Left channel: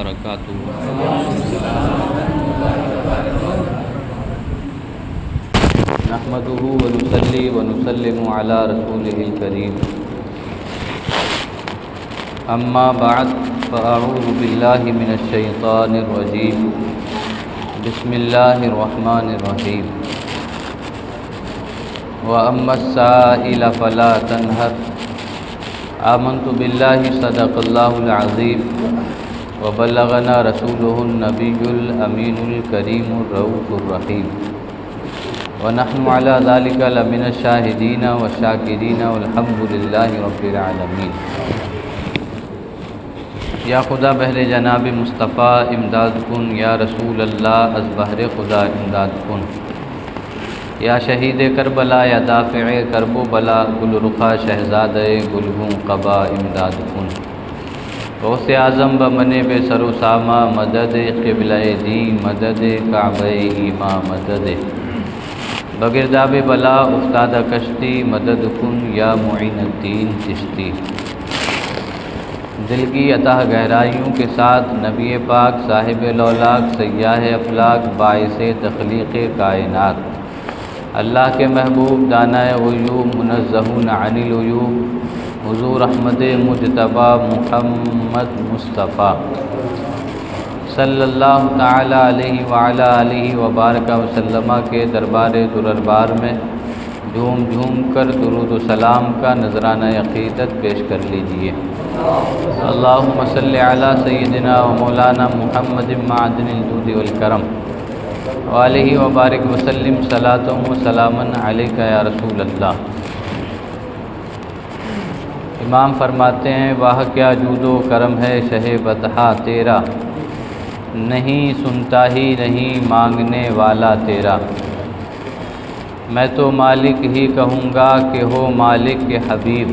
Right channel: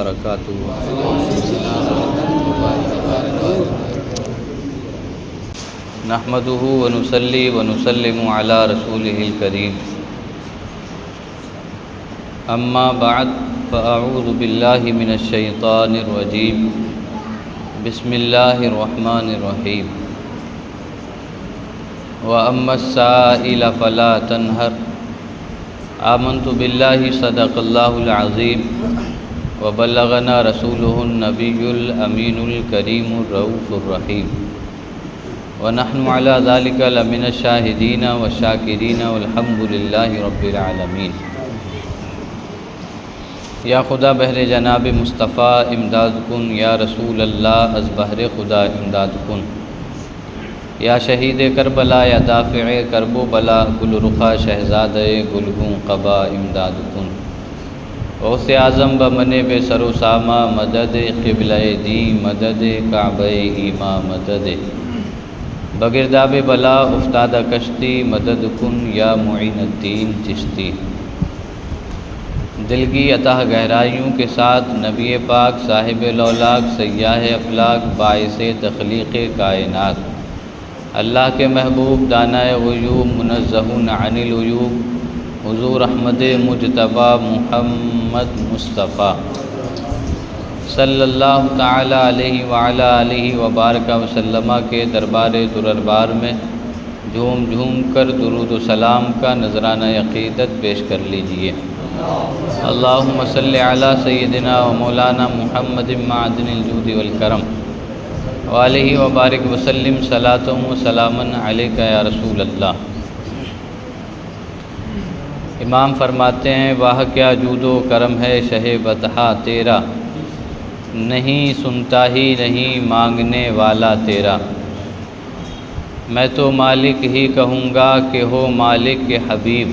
وبرکاتہ۔ نحمده ونصلي ونسلم على رسوله الكريم، اما بعد فاعوذ بالله من الشيطان الرجيم، بسم الله الرحمن الرحيم۔ واما السائل فلا تنهر، آمنت بالله صدق الله العظيم، وبلغنا رسوله النبي الأمين الكريم الرؤوف الرحيم، ونحن على ذلك لمن الشاهدين والشاكرين والحمد لله رب العالمين۔ یا خدا بہر جناب مصطفیٰ امداد کن، یا رسول اللہ از بہر خدا امداد کن، یا شہید کربلا یا دافع کرب و بلا، گل رخا شہزاد گلگوں قبا امداد کن۔ غوث اعظم بمن بے سر و سامہ مدد، قبلہ دی مدد، کعبہ ایما مدد، بگرداب بلا افتادہ کشتی مدد کن، یا معین الدین چشتی۔ دل کی عطا گہرائیوں کے ساتھ نبی پاک صاحب لولاک سیاح افلاک باعث تخلیق کائنات، اللہ کے محبوب دانہ غیوب منزہون عن العیوب، حضور احمد مجتبی محمد مصطفیٰ صلی اللہ تعالی علیہ وعلی آلہ وبارک وسلم کے دربار دربار میں جھوم جھوم کر درود و سلام کا نذرانہ عقیدت پیش کر لیجئے۔ اللہم صلی علی سیدنا و مولانا محمد معدن الجود والکرم وآلہ وبارک وسلم، صلاۃ و سلاما علیک یا رسول اللہ۔ امام فرماتے ہیں، واہ کیا جود و کرم ہے شہ بطحا تیرا، نہیں سنتا ہی نہیں مانگنے والا تیرا۔ میں تو مالک ہی کہوں گا کہ ہو مالک کے حبیب،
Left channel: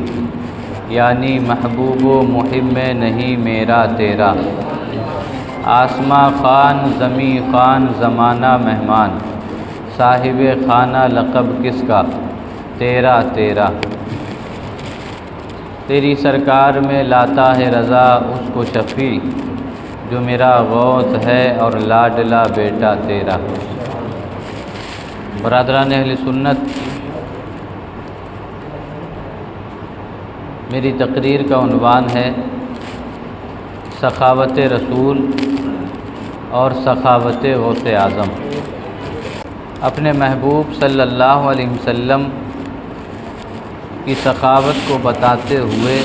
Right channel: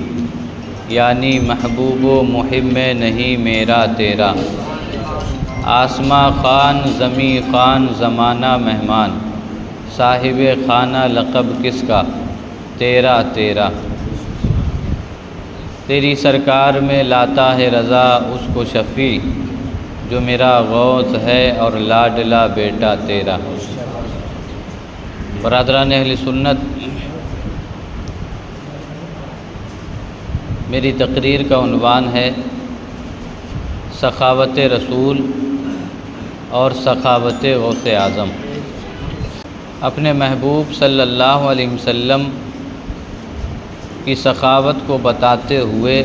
یعنی محبوب و محب میں نہیں میرا تیرا۔ آسماں خان زمیں خان زمانہ مہمان، صاحب خانہ لقب کس کا تیرا تیرا۔ تیری سرکار میں لاتا ہے رضا اس کو شفیع، جو میرا غوث ہے اور لاڈلا بیٹا تیرا۔ برادران اہل سنت، میری تقریر کا عنوان ہے سخاوت رسول اور سخاوت غوث اعظم۔ اپنے محبوب صلی اللہ علیہ وسلم کی سخاوت کو بتاتے ہوئے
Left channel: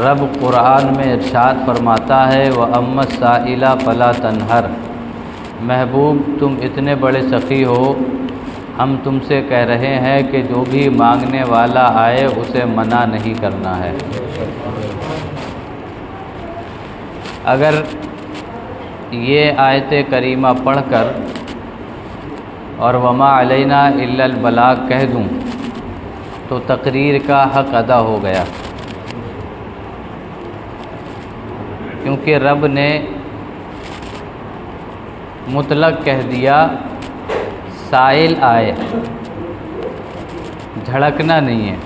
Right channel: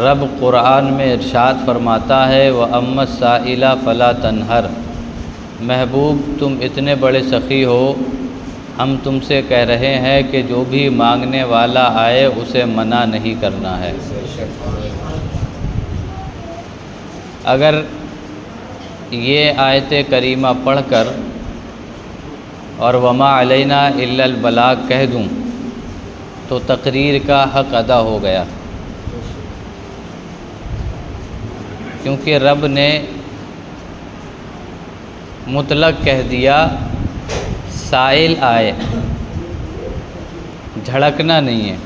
رب قرآن میں ارشاد فرماتا ہے، وَأَمَّا السَّائِلَ فَلَا تَنْهَرْ۔ محبوب تم اتنے بڑے سخی ہو، ہم تم سے کہہ رہے ہیں کہ جو بھی مانگنے والا آئے اسے منع نہیں کرنا ہے۔ اگر یہ آیت کریمہ پڑھ کر اور وما علینا الا البلاغ کہہ دوں تو تقریر کا حق ادا ہو گیا، کیونکہ رب نے مطلق کہہ دیا سائل آئے، جھڑکنا نہیں ہے۔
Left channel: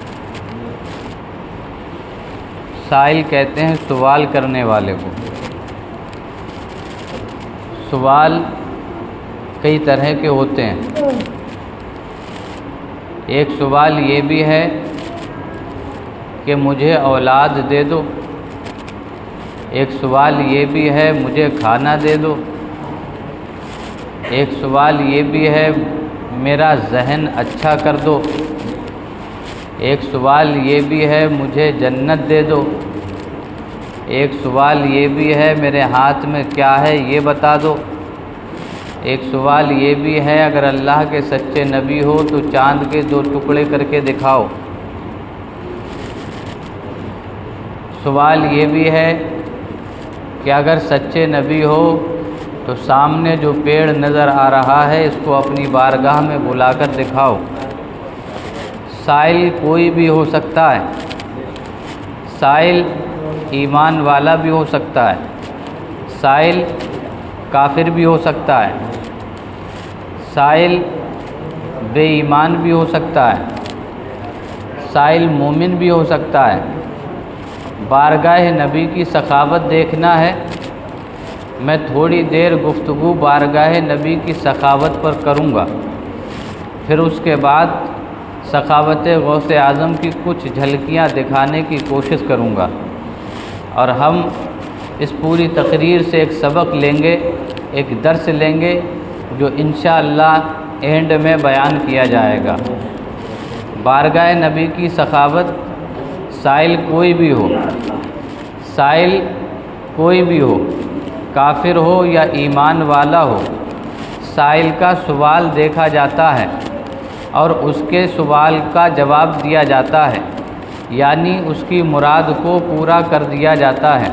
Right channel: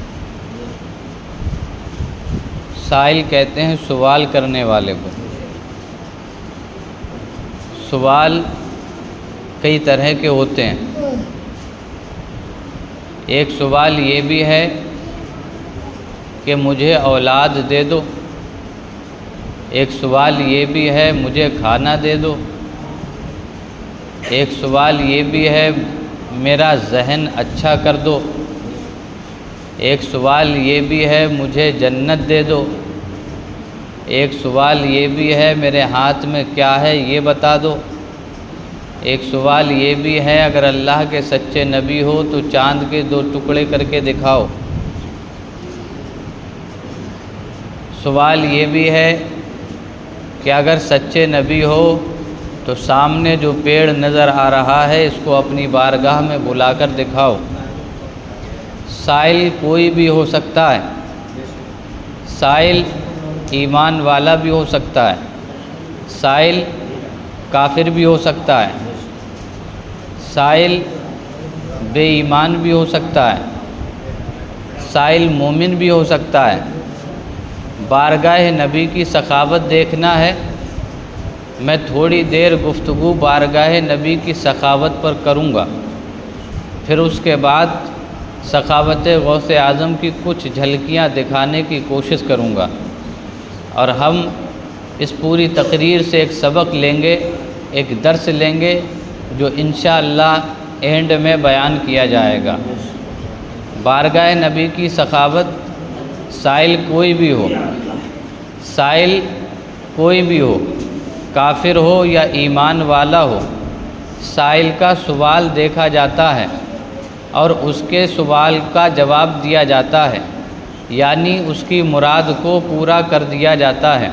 سائل کہتے ہیں سوال کرنے والے کو۔ سوال کئی طرح کے ہوتے ہیں۔ ایک سوال یہ بھی ہے کہ مجھے اولاد دے دو، ایک سوال یہ بھی ہے مجھے کھانا دے دو، ایک سوال یہ بھی ہے میرا ذہن اچھا کر دو، ایک سوال یہ بھی ہے مجھے جنت دے دو، ایک سوال یہ بھی ہے میرے ہاتھ میں کیا ہے یہ بتا دو، ایک سوال یہ بھی ہے اگر اللہ کے سچے نبی ہو تو چاند کے 2 ٹکڑے کر کے دکھاؤ۔ سوال یہ بھی ہے کہ اگر سچے نبی ہو تو سامنے جو پیڑ نظر آ رہا ہے اس کو اپنی بارگاہ میں بلا کر دکھاؤ۔ سائل کوئی بھی ہو سکتا ہے، سائل ایمان والا بھی ہو سکتا ہے، سائل کافر بھی ہو سکتا ہے، سائل بے ایمان بھی ہو سکتا ہے، سائل مومن بھی ہو سکتا ہے۔ بارگاہ نبی کی سخاوت دیکھنا ہے میں تھوڑی دیر گفتگو بارگاہ نبی کی سخاوت پر کروں گا، پھر اس کے بعد سخاوت غوث اعظم کی کچھ جھلکیاں دکھانے کی کوشش کروں گا، اور ہم اس پوری تقریر سے ایک سبق لیں گے، ایک درس لیں گے، جو انشاءاللہ اینڈ میں بیان کیا جائے گا۔ بارگاہ نبی کی سخاوت، سائل کوئی بھی ہو، سائل کوئی بھی ہو، کافر ہو یا ایمان والا ہو، سائل کا سوال دیکھا جاتا ہے اور اس کے سوال کا جواب دیا جاتا ہے، یعنی اس کی مراد کو پورا کر دیا جاتا ہے۔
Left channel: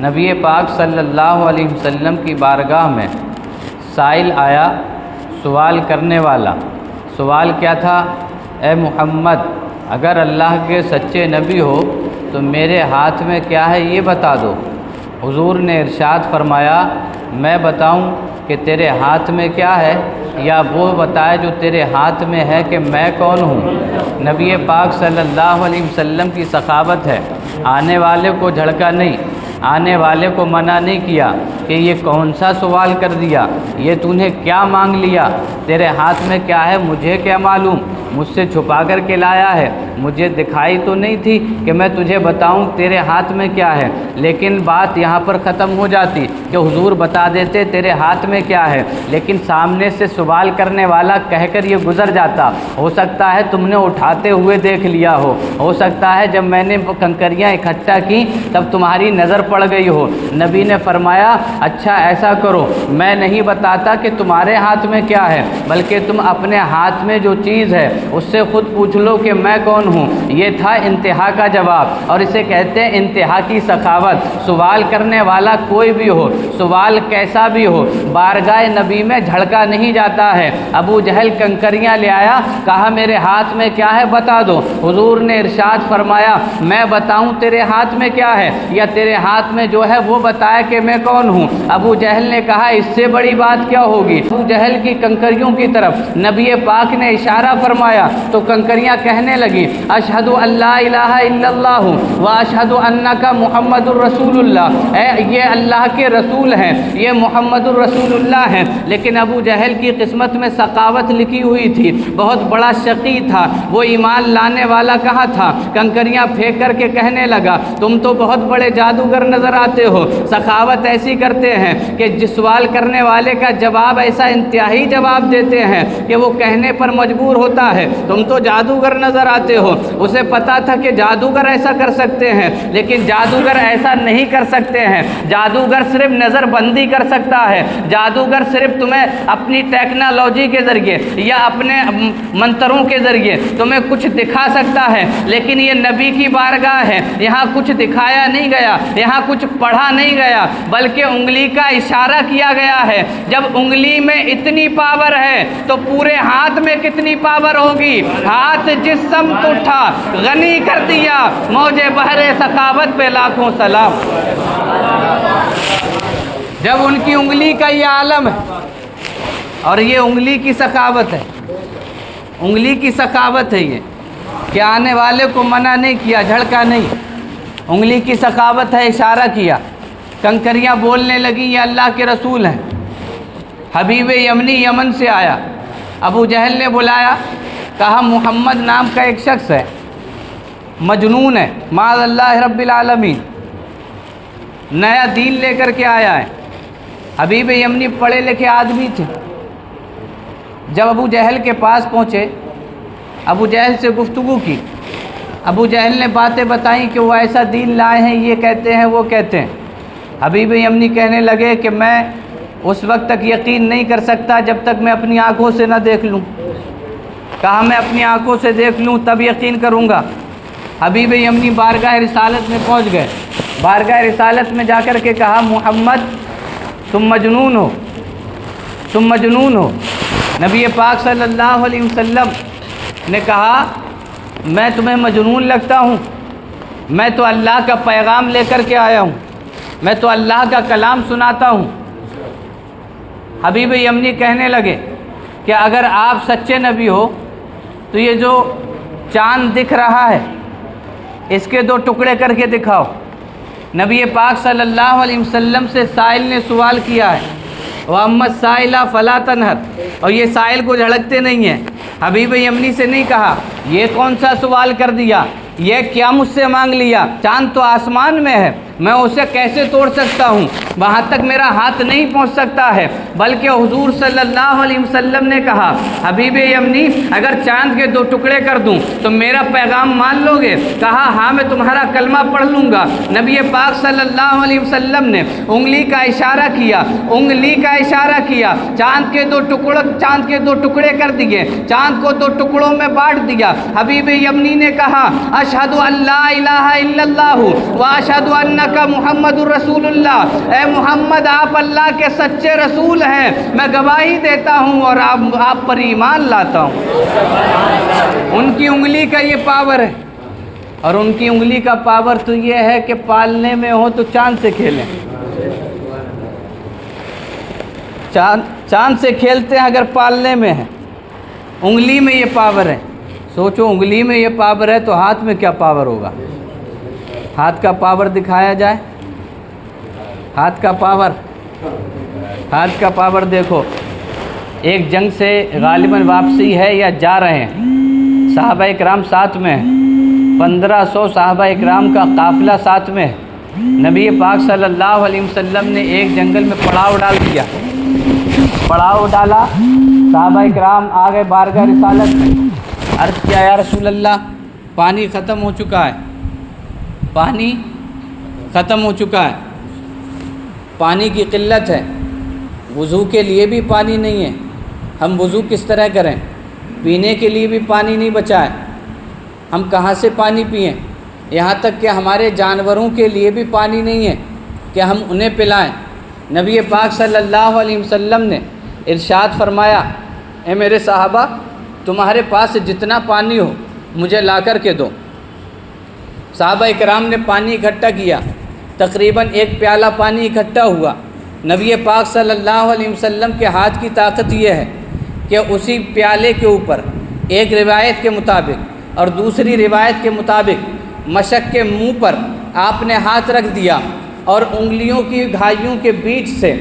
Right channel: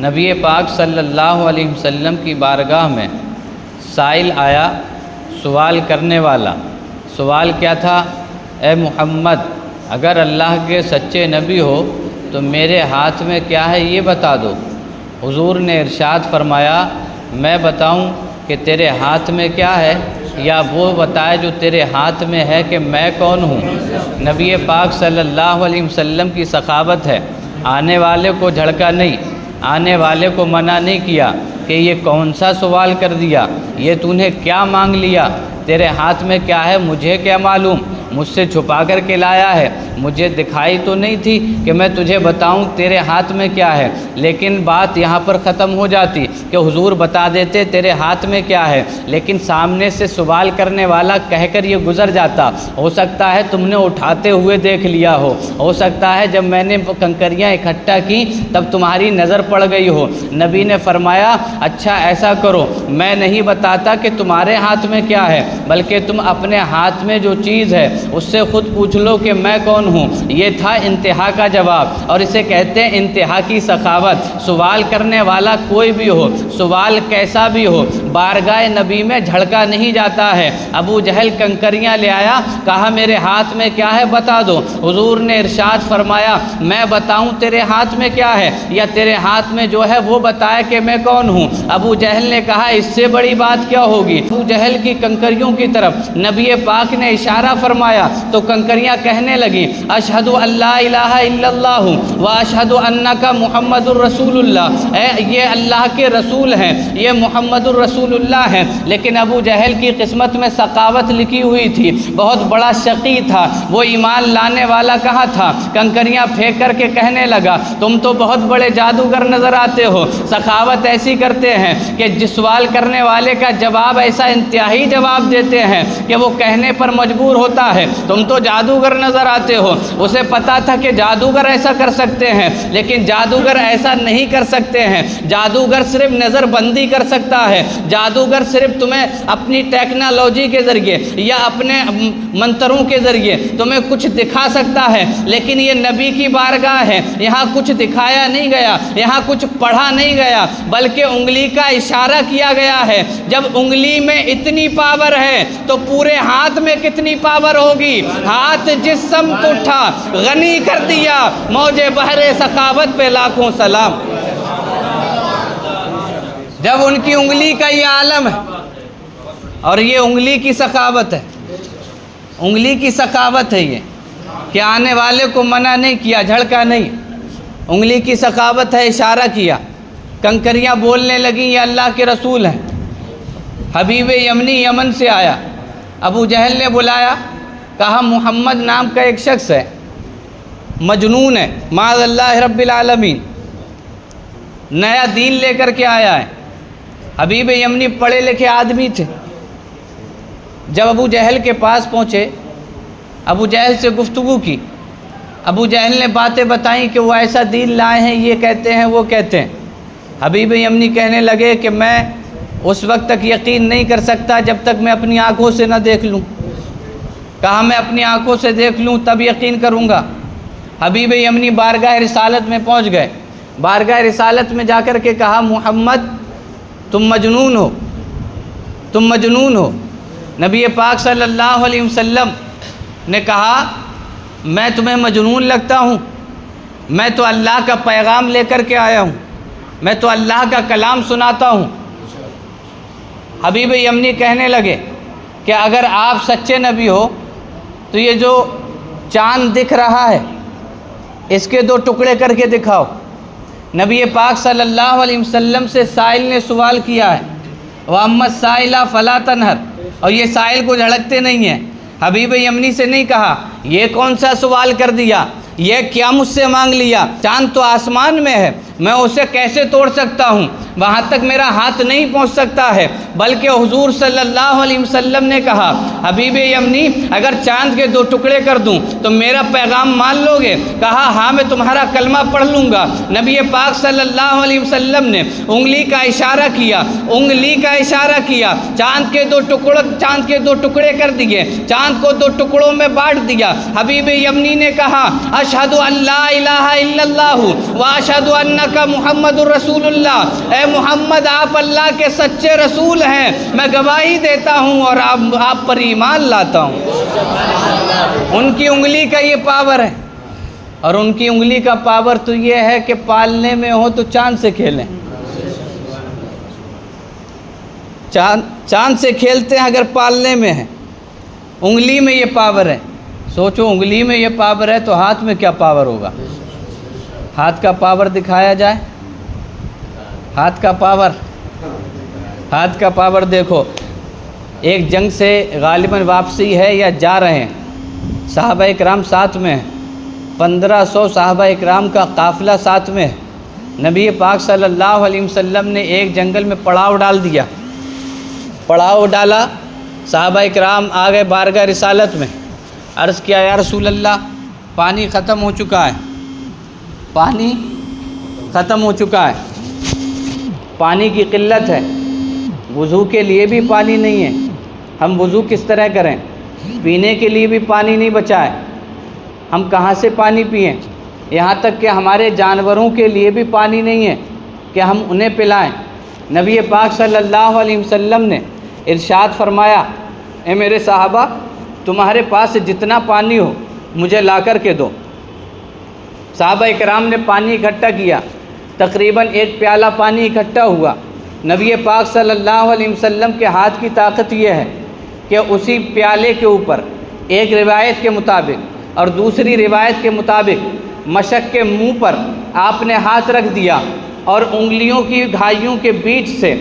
نبی پاک صلی اللہ علیہ وسلم کی بارگاہ میں سائل آیا، سوال کرنے والا۔ سوال کیا تھا؟ اے محمد، اگر اللہ کے سچے نبی ہو تو میرے ہاتھ میں کیا ہے یہ بتا دو۔ حضور نے ارشاد فرمایا، میں بتاؤں کہ تیرے ہاتھ میں کیا ہے، یا وہ بتائے جو تیرے ہاتھ میں ہے کہ میں کون ہوں؟ نبی پاک صلی اللہ علیہ وسلم کی سخاوت ہے، آنے والے کو جھڑکا نہیں، آنے والے کو منع نہیں کیا کہ یہ کون سا سوال کر دیا، یہ تو نے کیا مانگ لیا، تیرے ہاتھ میں کیا ہے مجھے کیا معلوم، مجھ سے چھپا کر کے لایا ہے، مجھے دکھائی تو نہیں تھی کہ میں تجھے بتاؤں تیرے ہاتھ میں کیا ہے۔ لیکن بات یہاں پر ختم ہو جاتی کہ حضور بتا دیتے تیرے ہاتھ میں کیا ہے، لیکن سامنے سے سوال کرنے والا کہہ کر یہ گزر جاتا۔ ہو سکتا ہے تم نے اٹھاتے ہوئے دیکھ لیا ہو سکتا ہے جب میں نے کنکریاں اکٹھا کی تب تمہاری نظر پڑ گئی ہو۔ نبی نے فرمایا، اچھا ایسا کرو، میں نہیں بتاتا کہ تمہارے ہاتھ میں کیا ہے، بلکہ تم اپنے ہاتھ میں جو چیز ہے اس سے خود پوچھ لو کہ میں کون ہوں۔ یہ تھا انتہا کا جواب، اور اسے کہتے ہیں انتہا کی سخاوت۔ سوال کرنے والا کوئی بھی ہو، سوال کیسا بھی ہو، بارگاہ نبی میں جھڑکا نہیں جاتا ہے۔ ابو جہل کنکریاں لے آیا، کہا میرے ہاتھ میں کیا ہے بتا دو۔ حضور نے ارشاد فرمایا، میں بتاؤں تیرے ہاتھ میں کیا ہے، یا تیرے ہاتھ میں جو ہے وہ بتایا کہ میں کون ہوں؟ ابو جہل نے کہا اس سے بڑی بات کیا ہوگی۔ ابو جہل کی کنکریوں کی طرف نبی پاک نے اشارہ فرمایا تو کنکریاں کہنے لگی، اشہد ان لا الہ الا اللہ و اشہد انک محمد الرسول اللہ، یہ اللہ کے رسول ہیں، یہ محمد الرسول اللہ ہیں۔ لیکن ابو جہل کی قسمت میں سخاوت لکھی ہوئی تھی، بہت بڑا شقی تھا، وہ ایمان لانے والا کہاں تھا؟ کنکریاں پھینک کر کے کہنے لگا، تم تو بہت بڑے جادوگر نظر آتے ہو، سخاوت ایسی کرتے ہیں کہ جس سوال کرنے والے کا جواب ایسا انتہائی جواب دیتے ہیں کہ وہ کہنے پر مجبور ہوتا ہے، تم تو جادوگر نظر آتے ہو۔ اسے پتا تھا کہ جادوگر ایسا کر سکتے ہیں، لیکن جادوگر ایسا نہیں کر سکتے ہیں۔ جادوگر صرف نظر بندی کر سکتا ہے، جادوگر صرف تمہیں اپنی ٹیکنالوجی کے ذریعے یا اپنے منتروں کے ذریعے تمہیں کچھ دکھا سکتا ہے، لیکن یہ نبی کی بارگاہ ہے، یہاں کچھ دکھایا نہیں گیا، یہاں کچھ پڑھا نہیں گیا، بلکہ انگلی کا اشارہ کیا گیا ہے۔ جب انگلی میں اتنی پاور ہے تو پورے ہاتھ میں کتنی پاور ہوگی؟ ہاتھ جس سمت اٹھا غنی کر دیا، موج بحر سخاوت پہ لاکھوں سلام۔ جب ان کی انگلی کا یہ عالم ہے، اور یہ انگلی کی سخاوت ہے، انگلی کی سخاوت ہے یہ کہ آنے والے کو منع نہیں کیا، جھڑکا نہیں، انگلی کی سخاوت ہے، اشارہ کیا، کنکریاں بولنے لگیں یہ اللہ کے رسول ہیں۔ حبیب یمنی یمن سے آیا، ابو جہل نے بلایا، کہا محمد نام کا ایک شخص ہے، مجنون ہے، معاذ اللہ رب العالمین، نیا دین لے کر کے آیا ہے۔ حبیب یمنی پڑھے لکھے آدمی تھے۔ جب ابو جہل کے پاس پہنچے، ابو جہل سے گفتگو کی، ابو جہل نے باتیں بتائیں کہ وہ ایسا دین لائے ہیں، یہ کہتے ہیں وہ کہتے ہیں۔ حبیب یمنی کہنے لگے کہ میں اس وقت تک یقین نہیں کر سکتا جب تک میں اپنی آنکھوں سے نہ دیکھ لوں۔ کہا میں اپنی آنکھوں سے دیکھ لوں تب یقین کروں گا۔ حبیب یمنی بارگاہ رسالت میں پہنچ گئے، بارگاہ رسالت میں جا کر کے کہا محمد تم مجنون ہو، تم مجنون ہو۔ نبی پاک صلی اللہ علیہ وسلم نے کہا میں تمہیں مجنون لگتا ہوں؟ میں تو اللہ کا پیغام لے کر کے آیا ہوں، میں تو اللہ کا کلام سناتا ہوں۔ حبیب یمنی کہنے لگے کہ اگر آپ سچے نبی ہو تو یہ جو چاند دکھ رہا ہے اس کے دو ٹکڑے کر کے دکھاؤ۔ نبی پاک صلی اللہ علیہ وسلم سے سائل نے سوال کیا ہے، وَأَمَّا السَّائِلَ فَلَا تَنْهَرْ، اور یہ سائل کو جھڑکتے نہیں ہیں۔ حبیب یمنی سے نہیں کہا یہ کون سا سوال کر دیا، یہ کیا مجھ سے مانگ لیا، چاند تو آسمان میں ہے، میں اسے کیسے توڑ سکتا ہوں، وہاں تک میرا ہاتھ نہیں پہنچ سکتا ہے۔ بلکہ حضور صلی اللہ علیہ وسلم نے کہا حبیب یمنی اگر چاند کے 2 ٹکڑے کر دوں تو میرا پیغام مان لو گے؟ کہا ہاں میں تمہارا کلمہ پڑھ لوں گا۔ نبی پاک صلی اللہ علیہ وسلم نے انگلی کا اشارہ کیا، انگلی کا اشارہ کیا، چاند کے 2 ٹکڑے کر دیے، چاند کو 2 ٹکڑوں میں بانٹ دیا۔ حبیب یمنی نے کہا اشہد ان لا الہ الا اللہ واشہد انک محمد الرسول اللہ، اے محمد آپ اللہ کے سچے رسول ہیں، میں گواہی دیتا ہوں اور آپ پر ایمان لاتا ہوں۔ ان کی انگلی کا یہ پاور ہے، اور ان کی انگلی کا پاور تو یہ ہے کہ پالنے میں ہو تو چاند سے کھیلیں، چاند سے کھیلتے ہیں اگر پالنے میں ہے، انگلی میں یہ پاور ہے۔ سوچو انگلی میں یہ پاور ہے تو ہاتھ میں کیا پاور ہوگا؟ ہاتھ کا پاور دکھایا جائے، ہاتھ کا پاور دیکھو۔ ایک جنگ سے غالباً واپسی ہے یا جا رہے ہیں، صحابہ اکرام ساتھ میں ہیں، 1500 صحابہ اکرام کا قافلہ ساتھ میں ہے۔ نبی پاک صلی اللہ علیہ وسلم نے ایک جنگل میں پڑاؤ ڈالا، صحابہ اکرام آ گئے بارگاہ رسالت میں، عرض کیا یا رسول اللہ پانی ختم ہو چکا ہے، پانی کی قلت ہے، وضو کے لیے بھی پانی نہیں ہے، ہم وضو کس طرح کریں؟ پینے کے لیے بھی پانی نہیں بچا ہے، ہم کہاں سے پانی پئیں؟ یہاں تک کہ ہمارے جانوروں کے لیے بھی پانی نہیں ہے کہ ہم انہیں پلائیں۔ نبی پاک صلی اللہ علیہ وسلم نے ارشاد فرمایا اے میرے صحابہ تمہارے پاس جتنا پانی ہو مجھے لا کر کے دو۔ صحابہ اکرام نے پانی اکٹھا کیا، تقریباً 1 پیالہ پانی اکٹھا ہوا۔ نبی پاک صلی اللہ علیہ وسلم کے ہاتھ کی طاقت یہ ہے کہ اسی پیالے کے اوپر ایک روایت کے مطابق اور دوسری روایت کے مطابق مشک کے منہ پر آپ نے ہاتھ رکھ دیا اور انگلیوں کی گھائیوں کے بیچ سے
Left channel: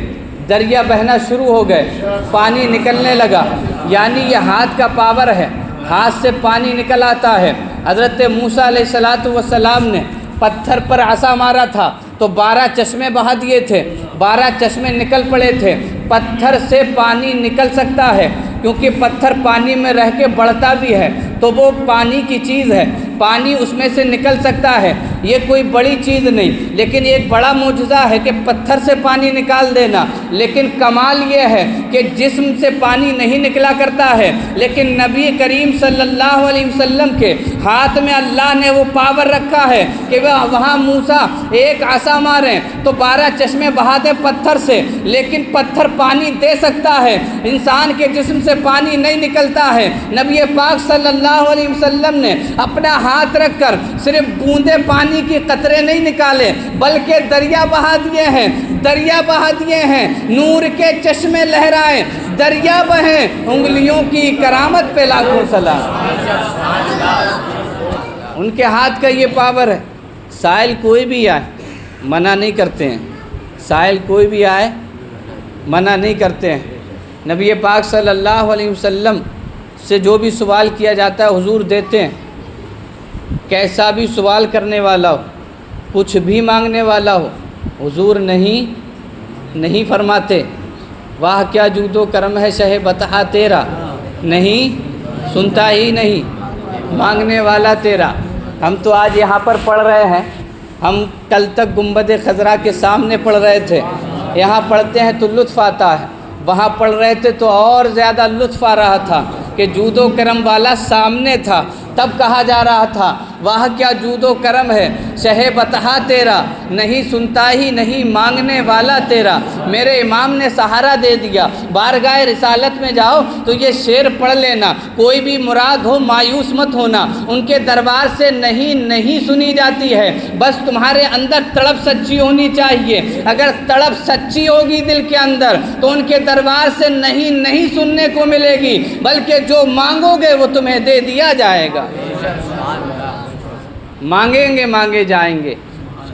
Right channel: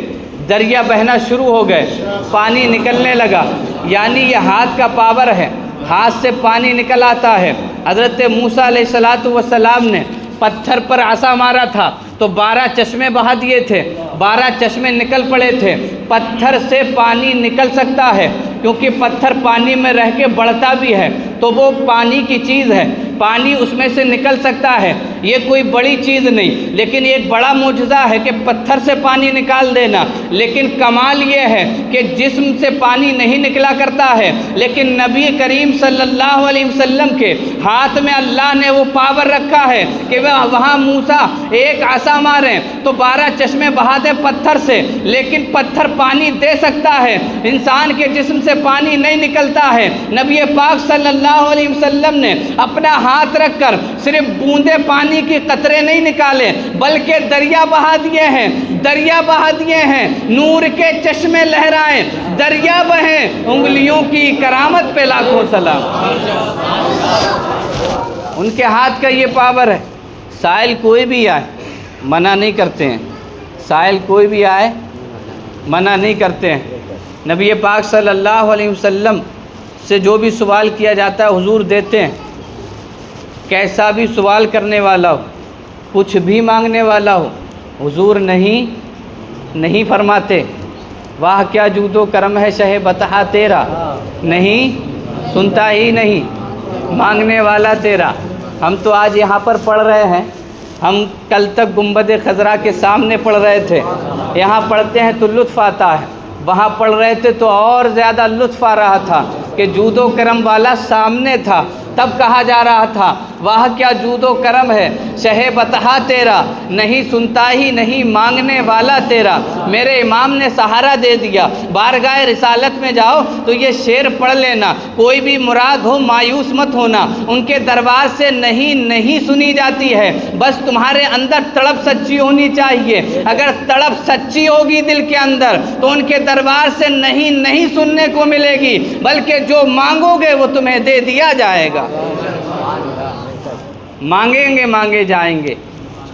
دریا بہنا شروع ہو گئے، پانی نکلنے لگا۔ یعنی یہ ہاتھ کا پاور ہے، ہاتھ سے پانی نکل آتا ہے۔ حضرت موسیٰ علیہ السلام نے پتھر پر عصا مارا تھا تو 12 چشمے بہا دیے تھے، 12 چشمے نکل پڑے تھے۔ پتھر سے پانی نکل سکتا ہے کیونکہ پتھر پانی میں رہ کے بڑھتا بھی ہے، تو وہ پانی کی چیز ہے، پانی اس میں سے نکل سکتا ہے، یہ کوئی بڑی چیز نہیں، لیکن ایک بڑا معجزہ ہے کہ پتھر سے پانی نکال دینا۔ لیکن کمال یہ ہے کہ جسم سے پانی نہیں نکلا کرتا ہے، لیکن نبی کریم صلی اللہ علیہ وسلم کے ہاتھ میں اللہ نے وہ پاور رکھا ہے کہ وہاں موسیٰ ایک عصا ماریں تو 12 چشمے بہا دیں پتھر سے، لیکن پتھر پانی دے سکتا ہے، انسان کے جسم سے پانی نہیں نکلتا ہے۔ نبی پاک صلی اللہ علیہ وسلم نے اپنا ہاتھ رکھ کر صرف بوندے پانی کی قطرے نہیں نکالے بلکہ دریا بہا دیے ہیں، نور کے چشمے لہرائیں، دریا بہیں، انگلیوں کی کرامت پہ لاکھوں سلام۔ ان کے ہاتھ کا یہ پاور ہے۔ سائل کوئی بھی آئے منع نہیں کرتے ہیں، سائل کوئی بھی آئے منع نہیں کرتے ہیں۔ نبی پاک صلی اللہ علیہ وسلم سے جو بھی سوال کیا جاتا ہے حضور دیتے ہیں، کیسا بھی سوال کرنے والا ہو، کچھ بھی مانگنے والا ہو، حضور نہیں فرماتے واہ کیا جود و کرم ہے شہ بطحہ تیرا، نہیں سنتا ہی نہیں مانگنے والا تیرا۔ ہم تو آج یہاں پر پڑھ رہے ہیں، ہم کل تک گنبد خضرا کے سامنے پڑھ رہے تھے، یہاں پڑھتے ہیں تو لطف آتا ہے، وہاں پڑھ رہے تھے تو اور زیادہ لطف آ رہا تھا کہ جود و کرم والا سامنے تھا، تب کہا جا رہا تھا واہ کیا جود و کرم ہے شہ بطحہ تیرا، نہیں سنتا ہی نہیں مانگنے والا تیرا۔ میرے امام نے سہارا دے دیا، بارگاہ رسالت میں جاؤ تو یہ شعر پڑھ لینا، کوئی بھی مراد ہو مایوس مت ہونا، ان کے دربار سے نہیں سنی جاتی ہے، بس تمہارے اندر تڑپ سچی ہونی چاہیے۔ اگر تڑپ سچی ہوگی دل کے اندر تو ان کے دربار سے نہیں سننے کو ملے گی، بلکہ جو مانگو گے وہ تمہیں دے دیا جائے گا۔ مانگیں گے مانگے جائیں گے،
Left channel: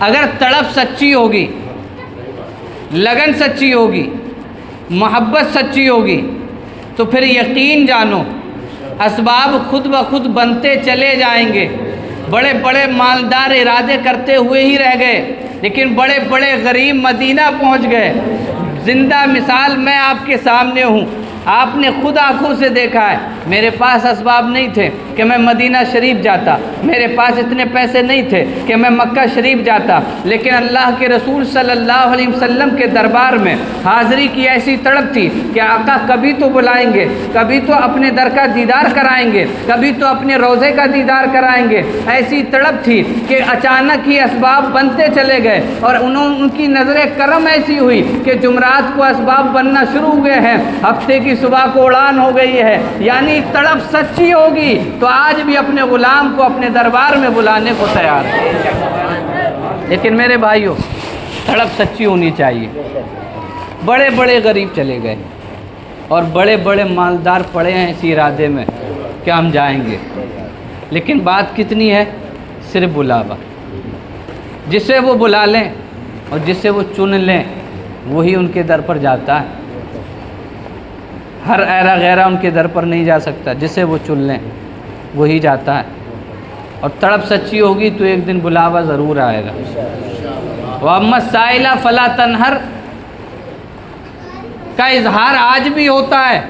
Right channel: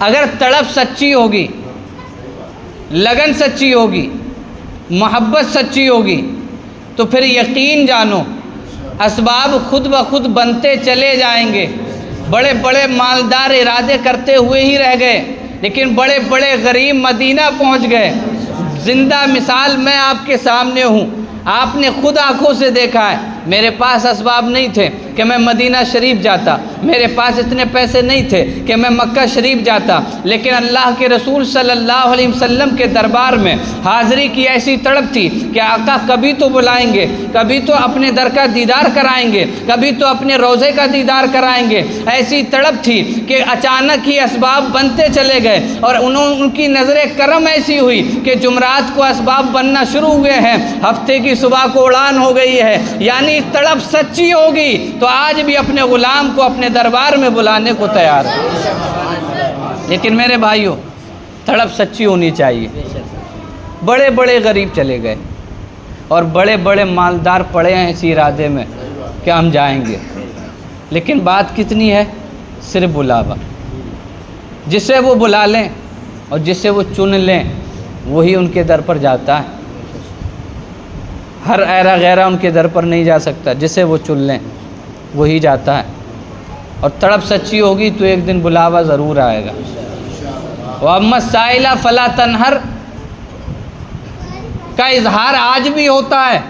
اگر تڑپ سچی ہوگی، لگن سچی ہوگی، محبت سچی ہوگی تو پھر یقین جانو اسباب خود بخود بنتے چلے جائیں گے۔ بڑے بڑے مالدار ارادے کرتے ہوئے ہی رہ گئے، لیکن بڑے بڑے غریب مدینہ پہنچ گئے۔ زندہ مثال میں آپ کے سامنے ہوں، آپ نے خود آنکھوں سے دیکھا ہے۔ میرے پاس اسباب نہیں تھے کہ میں مدینہ شریف جاتا، میرے پاس اتنے پیسے نہیں تھے کہ میں مکہ شریف جاتا، لیکن اللہ کے رسول صلی اللہ علیہ وسلم کے دربار میں حاضری کی ایسی تڑپ تھی کہ آقا کبھی تو بلائیں گے، کبھی تو اپنے در کا دیدار کرائیں گے، کبھی تو اپنے روضے کا دیدار کرائیں گے۔ ایسی تڑپ تھی کہ اچانک ہی اسباب بنتے چلے گئے، اور ان کی نظر کرم ایسی ہوئی کہ جمعرات کو اسباب بننا شروع ہوئے ہیں، ہفتے کی صبح کو اڑان ہو گئی ہے۔ یعنی تڑپ سچی ہوگی تو آج بھی اپنے غلام کو اپنے دربار میں بلانے کو تیار ہے۔ لیکن میرے بھائیوں، تڑپ سچی ہونی چاہیے۔ بڑے بڑے غریب چلے گئے اور بڑے بڑے مالدار پڑے ہیں اسی ارادے میں کہ ہم جائیں گے، لیکن بات کتنی ہے؟ صرف بلاوا۔ جسے وہ بلا لیں اور جسے وہ چن لیں وہی ان کے در پر جاتا ہے۔ ہر ایرا غیرہ ان کے در پر نہیں جا سکتا، جسے وہ چن لیں وہی جاتا ہے۔ اور تڑپ سچی ہوگی تو ایک دن بلاوا ضرور آئے گا۔ وَأَمَّا السَّائِلَ فَلَا تَنْهَرْ کا اظہار آج بھی ہوتا ہے۔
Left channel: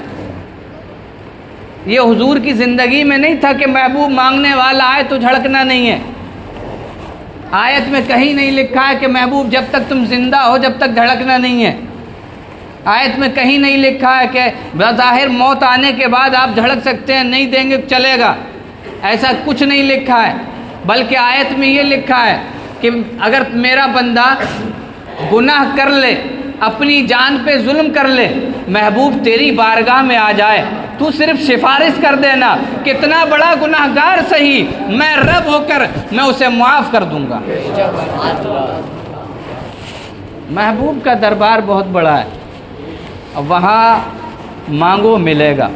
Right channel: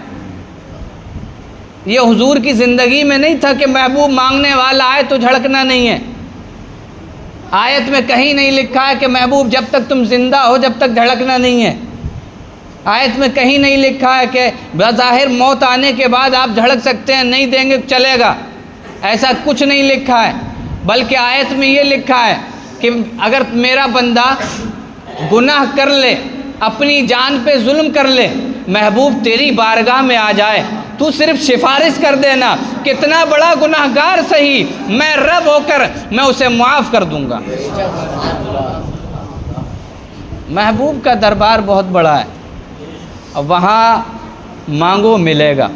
یہ حضور کی زندگی میں نہیں تھا کہ محبوب مانگنے والا آئے تو جھڑکنا نہیں ہے۔ آیت میں کہیں نہیں لکھا ہے کہ محبوب جب تک تم زندہ ہو جب تک جھڑکنا نہیں ہے۔ آیت میں کہیں نہیں لکھا ہے کہ بظاہر موت آنے کے بعد آپ جھڑک سکتے ہیں، نہیں دیں گے چلے گا، ایسا کچھ نہیں لکھا ہے۔ بلکہ آیت میں یہ لکھا ہے کہ اگر میرا بندہ گناہ کر لے، اپنی جان پہ ظلم کر لے، محبوب تیری بارگاہ میں آ جائے، تو صرف سفارش کر دینا، کتنا بڑا گناہ گار صحیح، میں رب ہو کر میں اسے معاف کر دوں گا۔ محبوب کا دربار بہت بڑا ہے، اور وہاں مانگو ملے گا،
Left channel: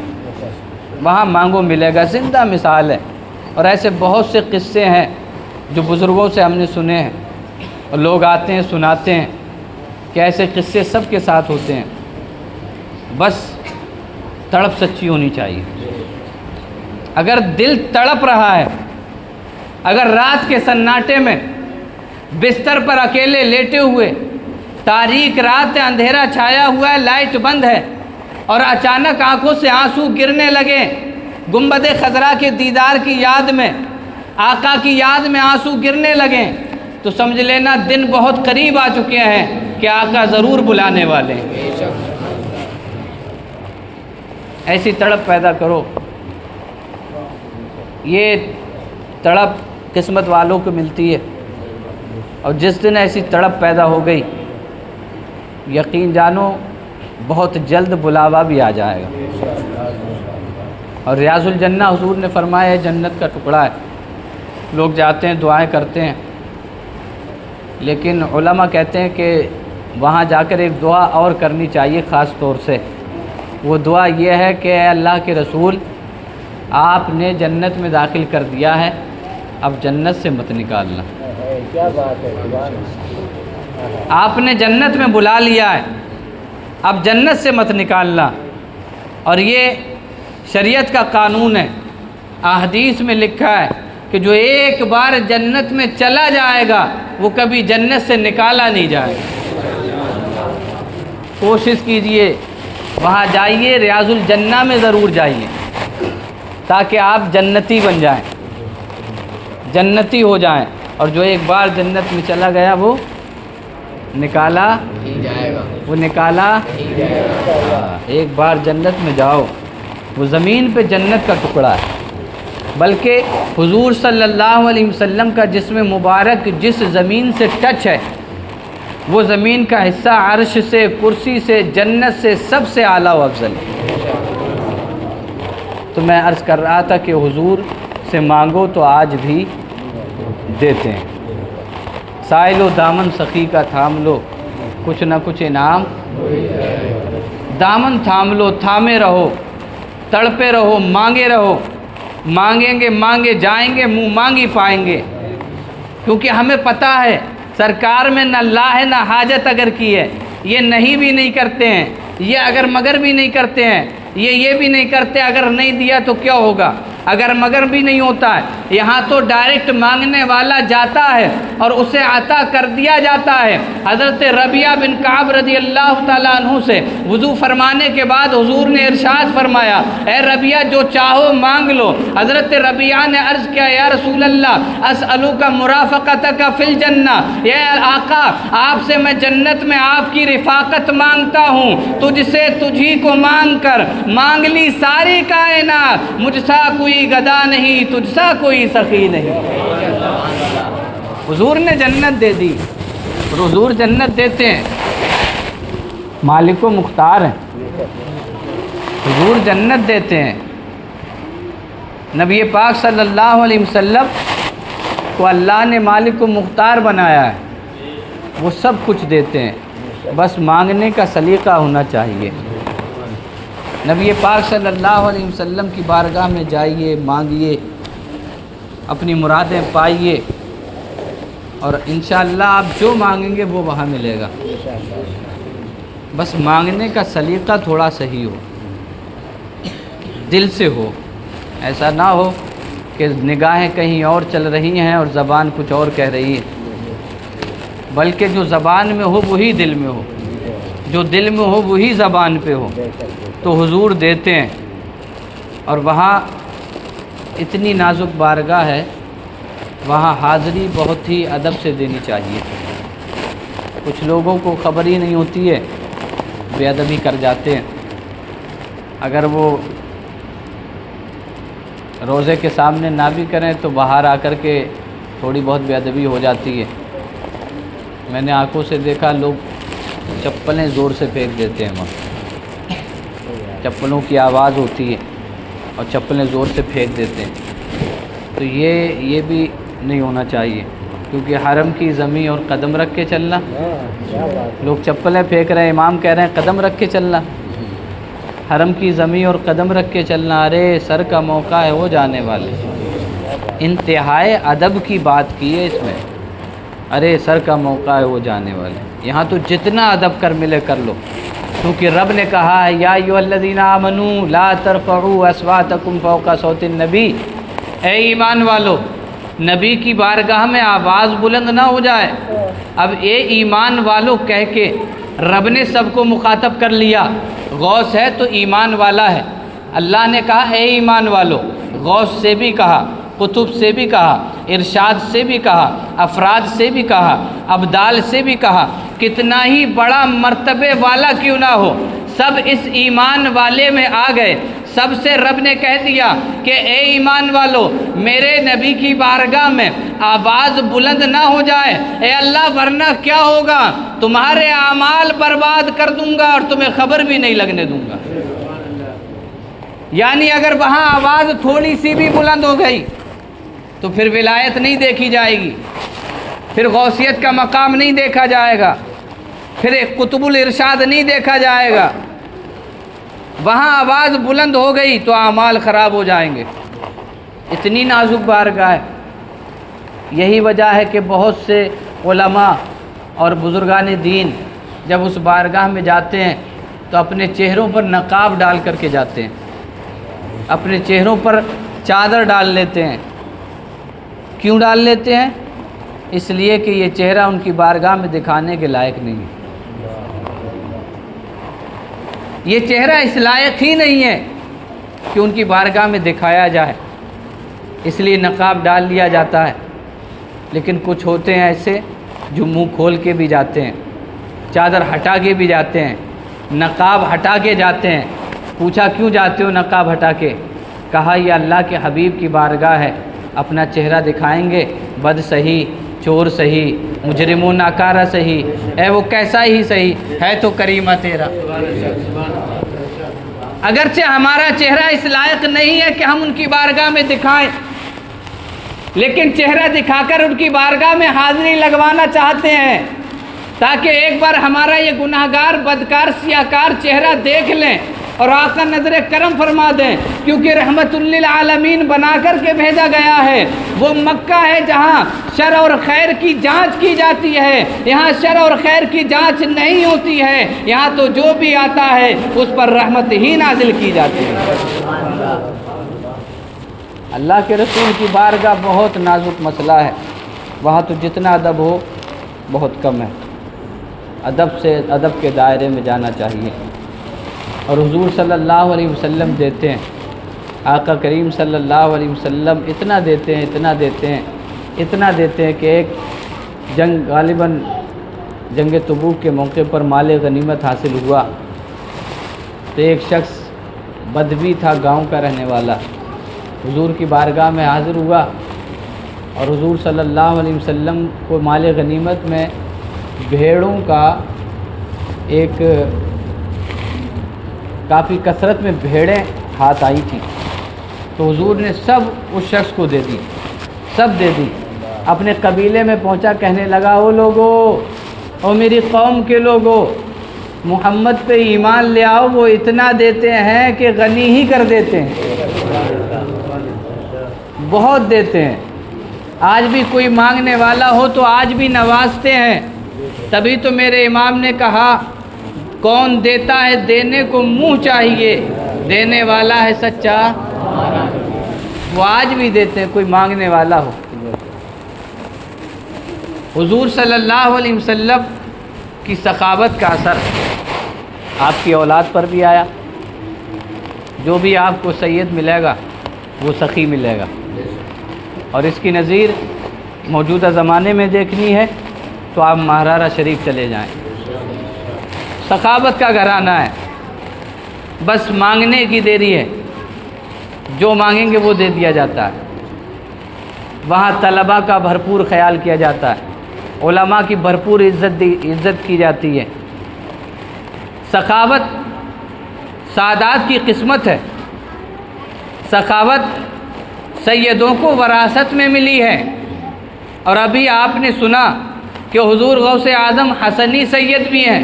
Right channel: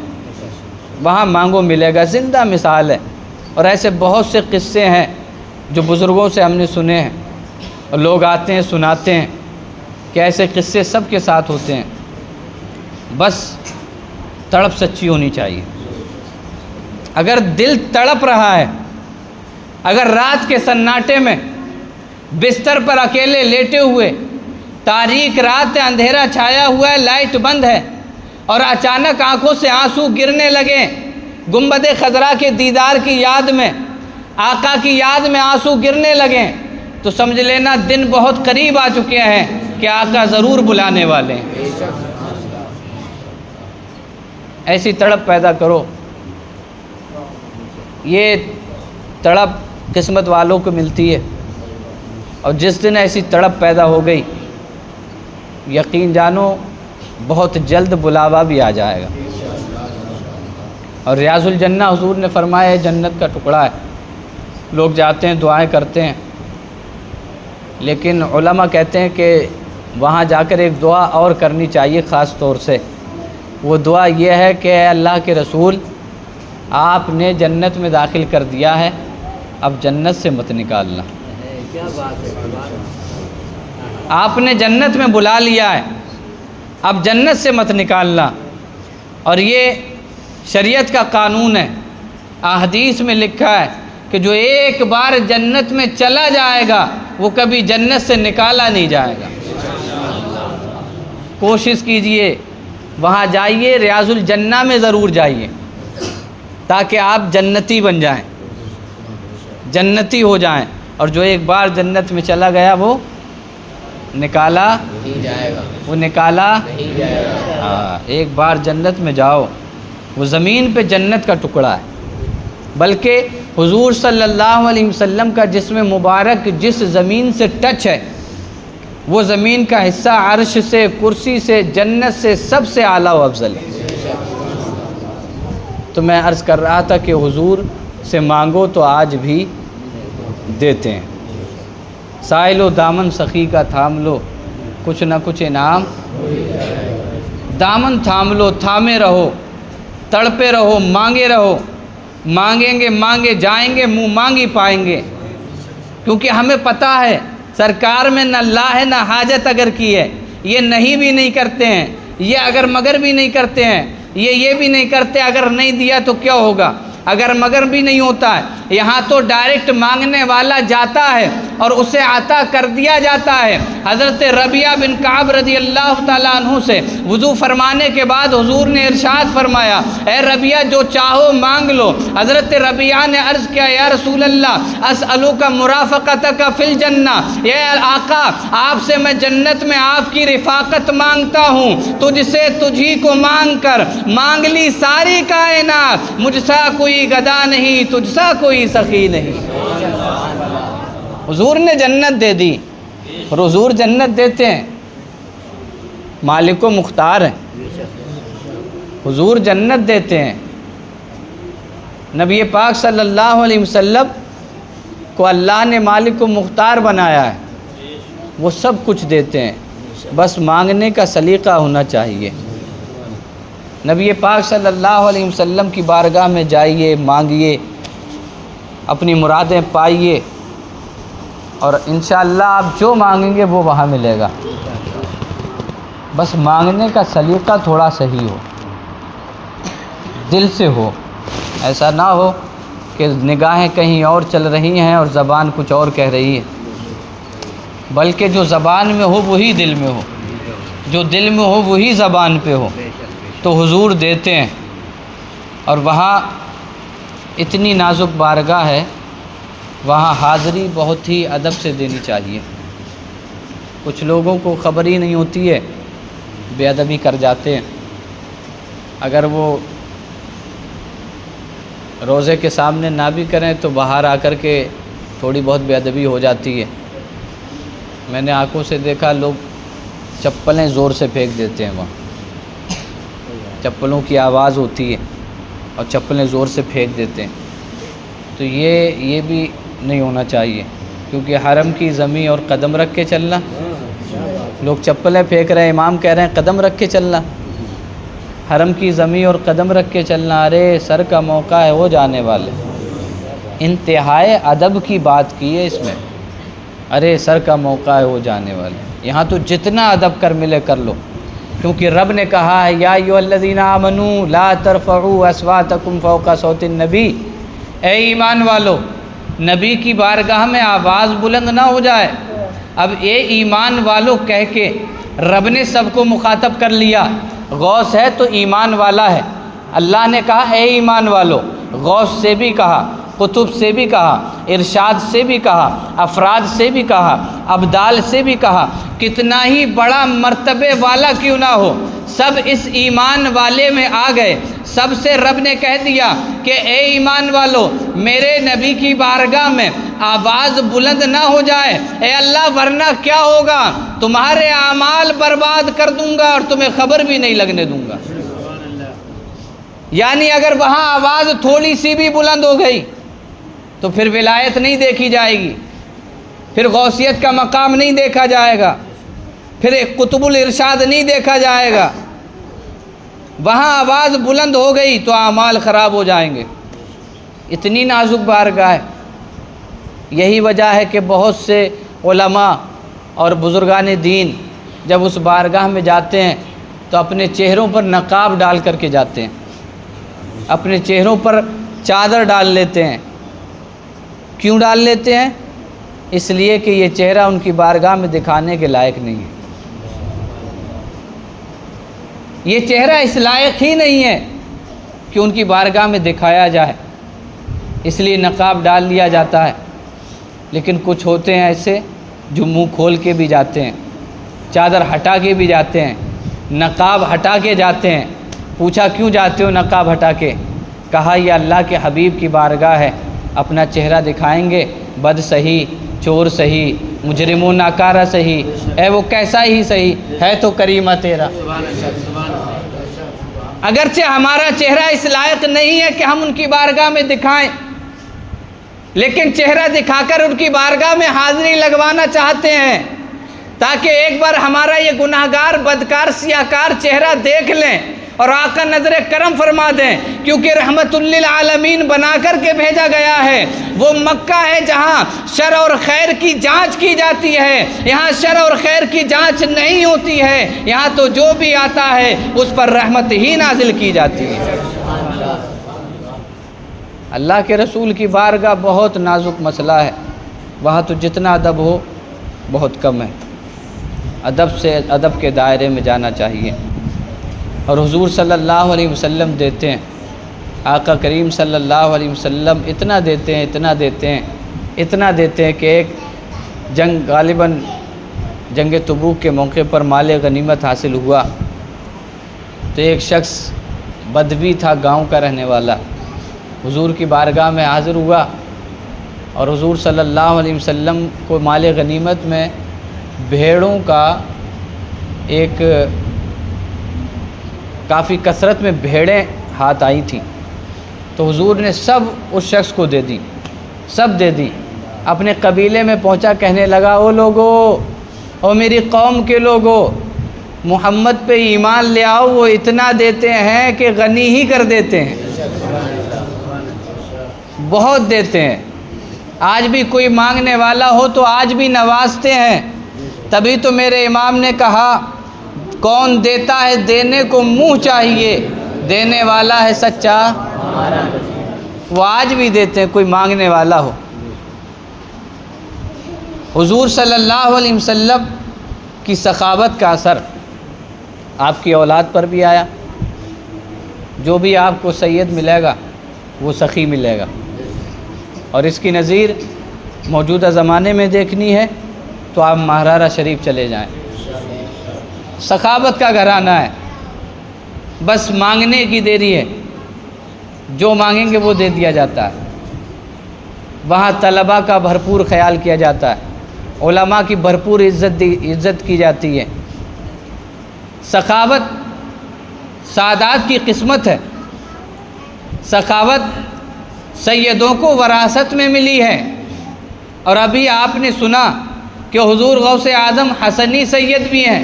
وہاں مانگو ملے گا۔ زندہ مثال ہے، اور ایسے بہت سے قصے ہیں جو بزرگوں سے ہم نے سنے ہیں، اور لوگ آتے ہیں سناتے ہیں کہ ایسے قصے سب کے ساتھ ہوتے ہیں۔ بس تڑپ سچی ہونی چاہیے۔ اگر دل تڑپ رہا ہے، اگر رات کے سناٹے میں بستر پر اکیلے لیٹے ہوئے، تاریک رات ہے، اندھیرا چھایا ہوا ہے، لائٹ بند ہے، اور اچانک آنکھوں سے آنسو گرنے لگے، گنبد خضرا کے دیدار کی یاد میں، آقا کی یاد میں آنسو گرنے لگیں، تو سمجھ لینا دن بہت قریب آ چکے ہیں کہ آقا ضرور بلانے والے ہیں۔ ایسی تڑپ پیدا کرو۔ یہ تڑپ قسمت والوں کو ملتی ہے، اور جس دن ایسی تڑپ پیدا ہو گئی، یقین جانو بہت جلد بلاوا بھی آ جائے گا۔ اور ریاض الجنہ حضور نے فرمایا ہے جنت کا ٹکڑا ہے۔ لوگ جاتے ہیں دعائیں کرتے ہیں، لیکن علماء کہتے ہیں کہ وہاں جا کر ایک دعا اور کرنی چاہیے خاص طور سے۔ وہ دعا یہ ہے کہ اے اللہ کے رسول، آپ نے جنت میں داخل کر دیا ہے، اب جنت سے مت نکالنا۔ کیا بات ہے، آپ نے جنت میں بلا لیا ہے، اب جنت سے مت نکالنا۔ اور یہ شریعت کا قانون ہے۔ احادیث میں لکھا ہے کہ جو ایک بار جنت میں چلا جائے گا وہ کبھی جنت سے نکالا نہیں جائے گا۔ کوشش کیجئے وہاں جائیے، ریاض الجنہ میں ضرور جائیے، تاکہ آپ جنتی بن جائیں، جنتی ہو جائیں۔ اور جو ایک بار جنت میں چلا گیا وہ نکالا نہیں جائے گا، وہ نکالا نہیں جائے گا۔ ایک بار جنت میں جاؤ، وہ زمین پہ جنت کا ٹکڑا ہے۔ بلکہ حضور صلی اللہ علیہ وسلم کا جسم مبارک جس زمین سے ٹچ ہے، وہ زمین کا حصہ عرش سے، کرسی سے، جنت سے سب سے اعلیٰ و افضل ہے۔ تو میں عرض کر رہا تھا کہ حضور سے مانگو تو آج بھی دیتے ہیں۔ سائل و دامن سخی کا تھام لو، کچھ نہ کچھ انعام۔ دامن تھام لو، تھامے رہو، تڑپے رہو، مانگے رہو۔ مانگیں گے، مانگے جائیں گے، منہ مانگی پائیں گے، کیونکہ ہمیں پتہ ہے سرکار میں نہ لا ہے نہ حاجت اگر کی ہے، یہ نہیں بھی نہیں کرتے ہیں، یہ اگر مگر بھی نہیں کرتے ہیں، یہ بھی نہیں کرتے اگر نہیں دیا تو کیا ہوگا، اگر مگر بھی نہیں ہوتا ہے۔ یہاں تو ڈائریکٹ مانگنے والا جاتا ہے اور اسے عطا کر دیا جاتا ہے۔ حضرت ربیعہ بن کعب رضی اللہ تعالیٰ عنہ سے وضو فرمانے کے بعد حضور نے ارشاد فرمایا، اے ربیعہ جو چاہو مانگ لو۔ حضرت ربیعہ نے عرض کیا، یا رسول اللہ اسألک مرافقتک فی الجنہ، اے آقا آپ سے میں جنت میں آپ کی رفاقت مانگتا ہوں۔ تجھ سے تجھی کو مانگ کر مانگ لی ساری کائنات، مجھ سا کوئی گدا نہیں، تجھ سا کوئی سخی نہیں۔ حضور نے جنت دے دی، اور حضور جنت دیتے ہیں، مالک و مختار ہیں، حضور جنت دیتے ہیں۔ نبی پاک صلی اللہ علیہ وسلم کو اللہ نے مالک و مختار بنایا ہے، وہ سب کچھ دیتے ہیں، بس مانگنے کا سلیقہ ہونا چاہیے۔ نبی پاک صلی اللہ علیہ وسلم کی بارگاہ میں جائیے، مانگیے، اپنی مرادیں پائیے، اور انشاءاللہ آپ جو مانگیں گے وہ وہاں ملے گا۔ بس مانگنے کا سلیقہ تھوڑا صحیح ہو، دل سے ہو، ایسا نہ ہو کہ نگاہیں کہیں اور چل رہی ہیں اور زبان کچھ اور کہہ رہی ہے، بلکہ جو زبان میں ہو وہی دل میں ہو، جو دل میں ہو وہی زبان پہ ہو، تو حضور دیتے ہیں۔ اور وہاں اتنی نازک بارگاہ ہے، وہاں حاضری بہت ہی ادب سے دینی چاہیے۔ کچھ لوگوں کو خبر ہی نہیں ہوتی ہے، بے ادبی کر جاتے ہیں۔ اگر وہ روزے کے سامنے نہ بھی کریں تو باہر آ کر کے تھوڑی بہت بے ادبی ہو جاتی ہے۔ میں نے آنکھوں سے دیکھا لوگ چپلیں زور سے پھینک دیتے ہیں، وہاں چپلوں کی آواز ہوتی ہے اور چپلیں زور سے پھینک دیتے ہیں، تو یہ بھی نہیں ہونا چاہیے، کیونکہ حرم کی زمین اور قدم رکھ کے چلنا، لوگ چپلیں پھینک رہے ہیں، امام کہہ رہے ہیں قدم رکھ کے چلنا، حرم کی زمین اور قدم رکھ کے چلنا، ارے سر کا موقع ہے ہو جانے والے۔ انتہائی ادب کی بات کی ہے اس میں، ارے سر کا موقع ہے ہو جانے والے۔ یہاں تو جتنا ادب کر ملے کر لو، کیونکہ رب نے کہا ہے یا ایھا الذین آمنوا لا ترفعوا اصواتکم فوق صوت النبی، اے ایمان والو نبی کی بارگاہ میں آواز بلند نہ ہو جائے۔ اب اے ایمان والو کہہ کے رب نے سب کو مخاطب کر لیا، غوث ہے تو ایمان والا ہے، اللہ نے کہا اے ایمان والو، غوث سے بھی کہا، قطب سے بھی کہا، ارشاد سے بھی کہا، افراد سے بھی کہا، ابدال سے بھی کہا، کتنا ہی بڑا مرتبے والا کیوں نہ ہو، سب اس ایمان والے میں آ گئے۔ سب سے رب نے کہہ دیا کہ اے ایمان والو میرے نبی کی بارگاہ میں آواز بلند نہ ہو جائے، اے اللہ ورنہ کیا ہوگا، تمہارے اعمال برباد کر دوں گا اور تمہیں خبر بھی نہیں لگنے دوں گا۔ یعنی اگر وہاں آواز تھوڑی سی بھی بلند ہو گئی تو پھر ولایت نہیں دیکھی جائے گی، پھر غوثیت کا مقام نہیں دیکھا جائے گا، پھر ایک قطب الارشاد نہیں دیکھا جائے گا۔ وہاں آواز بلند ہو گئی تو اعمال خراب ہو جائیں گے، اتنی نازک بارگاہ ہے۔ یہی وجہ ہے کہ بہت سے علماء اور بزرگان دین جب اس بارگاہ میں جاتے ہیں تو اپنے چہروں پر نقاب ڈال کر کے جاتے ہیں، اپنے چہروں پر چادر ڈال لیتے ہیں۔ کیوں ڈال لیتے ہیں؟ اس لیے کہ یہ چہرہ ان کی بارگاہ میں دکھانے کے لائق نہیں ہے، یہ چہرہ اس لائق ہی نہیں ہے کہ ان کی بارگاہ میں دکھایا جائے، اس لیے نقاب ڈال لیا جاتا ہے۔ لیکن کچھ ہوتے ہیں ایسے جو منہ کھول کے بھی جاتے ہیں، چادر ہٹا کے بھی جاتے ہیں، نقاب ہٹا کے جاتے ہیں۔ پوچھا کیوں جاتے ہو نقاب ہٹا کے؟ کہا یہ اللہ کے حبیب کی بارگاہ ہے، اپنا چہرہ دکھائیں گے، بد سہی، چور سہی، مجرم و ناکارہ سہی، اے وہ کیسا ہی سہی ہے تو کریمہ تیرا۔ اگرچہ ہمارا چہرہ اس لائق نہیں ہے کہ ہم ان کی بارگاہ میں دکھائیں، لیکن چہرہ دکھا کر ان کی بارگاہ میں حاضری لگوانا چاہتے ہیں تاکہ ایک بار ہمارا یہ گناہگار بدکار سیاہکار چہرہ دیکھ لیں اور آقا نظر کرم فرما دیں، کیونکہ رحمت للعالمین بنا کر کے بھیجا گیا ہے۔ وہ مکہ ہے جہاں شر اور خیر کی جانچ کی جاتی ہے، یہاں شر اور خیر کی جانچ نہیں ہوتی ہے، یہاں تو جو بھی آتا ہے اس پر رحمت ہی نازل کی جاتی ہے۔ اللہ کے رسول کی بارگاہ بہت نازک مسئلہ ہے، وہاں تو جتنا ادب ہو بہت کم ہے، ادب کے دائرے میں جانا چاہیے۔ اور حضور صلی اللہ علیہ وسلم دیتے ہیں، آقا کریم صلی اللہ علیہ وسلم اتنا دیتے ہیں کہ ایک جنگ، غالباً جنگ تبوک کے موقع پر مال غنیمت حاصل ہوا تو ایک شخص بدوی تھا، گاؤں کا رہنے والا، حضور کی بارگاہ میں حاضر ہوا اور حضور صلی اللہ علیہ وسلم کو مال غنیمت میں بھیڑوں کا ایک کافی کثرت میں بھیڑیں ہاتھ آئی تھیں، تو حضور نے سب اس شخص کو دے دی، سب دے دی۔ اپنے قبیلے میں پہنچا، کہنے لگا او لوگو، او میری قوم کے لوگو، محمد پہ ایمان لے آؤ، وہ اتنا دیتے ہیں کہ غنی ہی کر دیتے ہیں، بہت دیتے ہیں۔ آج بھی کوئی مانگنے والا ہو تو آج بھی نوازتے ہیں، تبھی تو میرے امام نے کہا کون دیتا ہے دینے کو منہ چاہیے، دینے والا ہے سچا، وہ آج بھی دیتے ہیں کوئی مانگنے والا ہو۔ حضور صلی اللہ علیہ وسلم کی سخاوت کا اثر آپ کی اولاد پر بھی آیا، جو بھی آپ کو سید ملے گا وہ سخی ملے گا، اور اس کی نظیر موجودہ زمانے میں دیکھنی ہے تو آپ مہرارہ شریف چلے جائیں، سخاوت کا گھرانہ ہے، بس مانگنے کی دیری ہے، جو مانگیں گے وہ دے دیا جاتا ہے۔ وہاں طلباء کا بھرپور خیال کیا جاتا ہے، علماء کی بھرپور عزت کی جاتی ہے۔ سخاوت سعادات کی قسمت ہے، سخاوت سیدوں کو وراثت میں ملی ہے، اور ابھی آپ نے سنا کہ حضور غوث اعظم حسنی سید بھی ہیں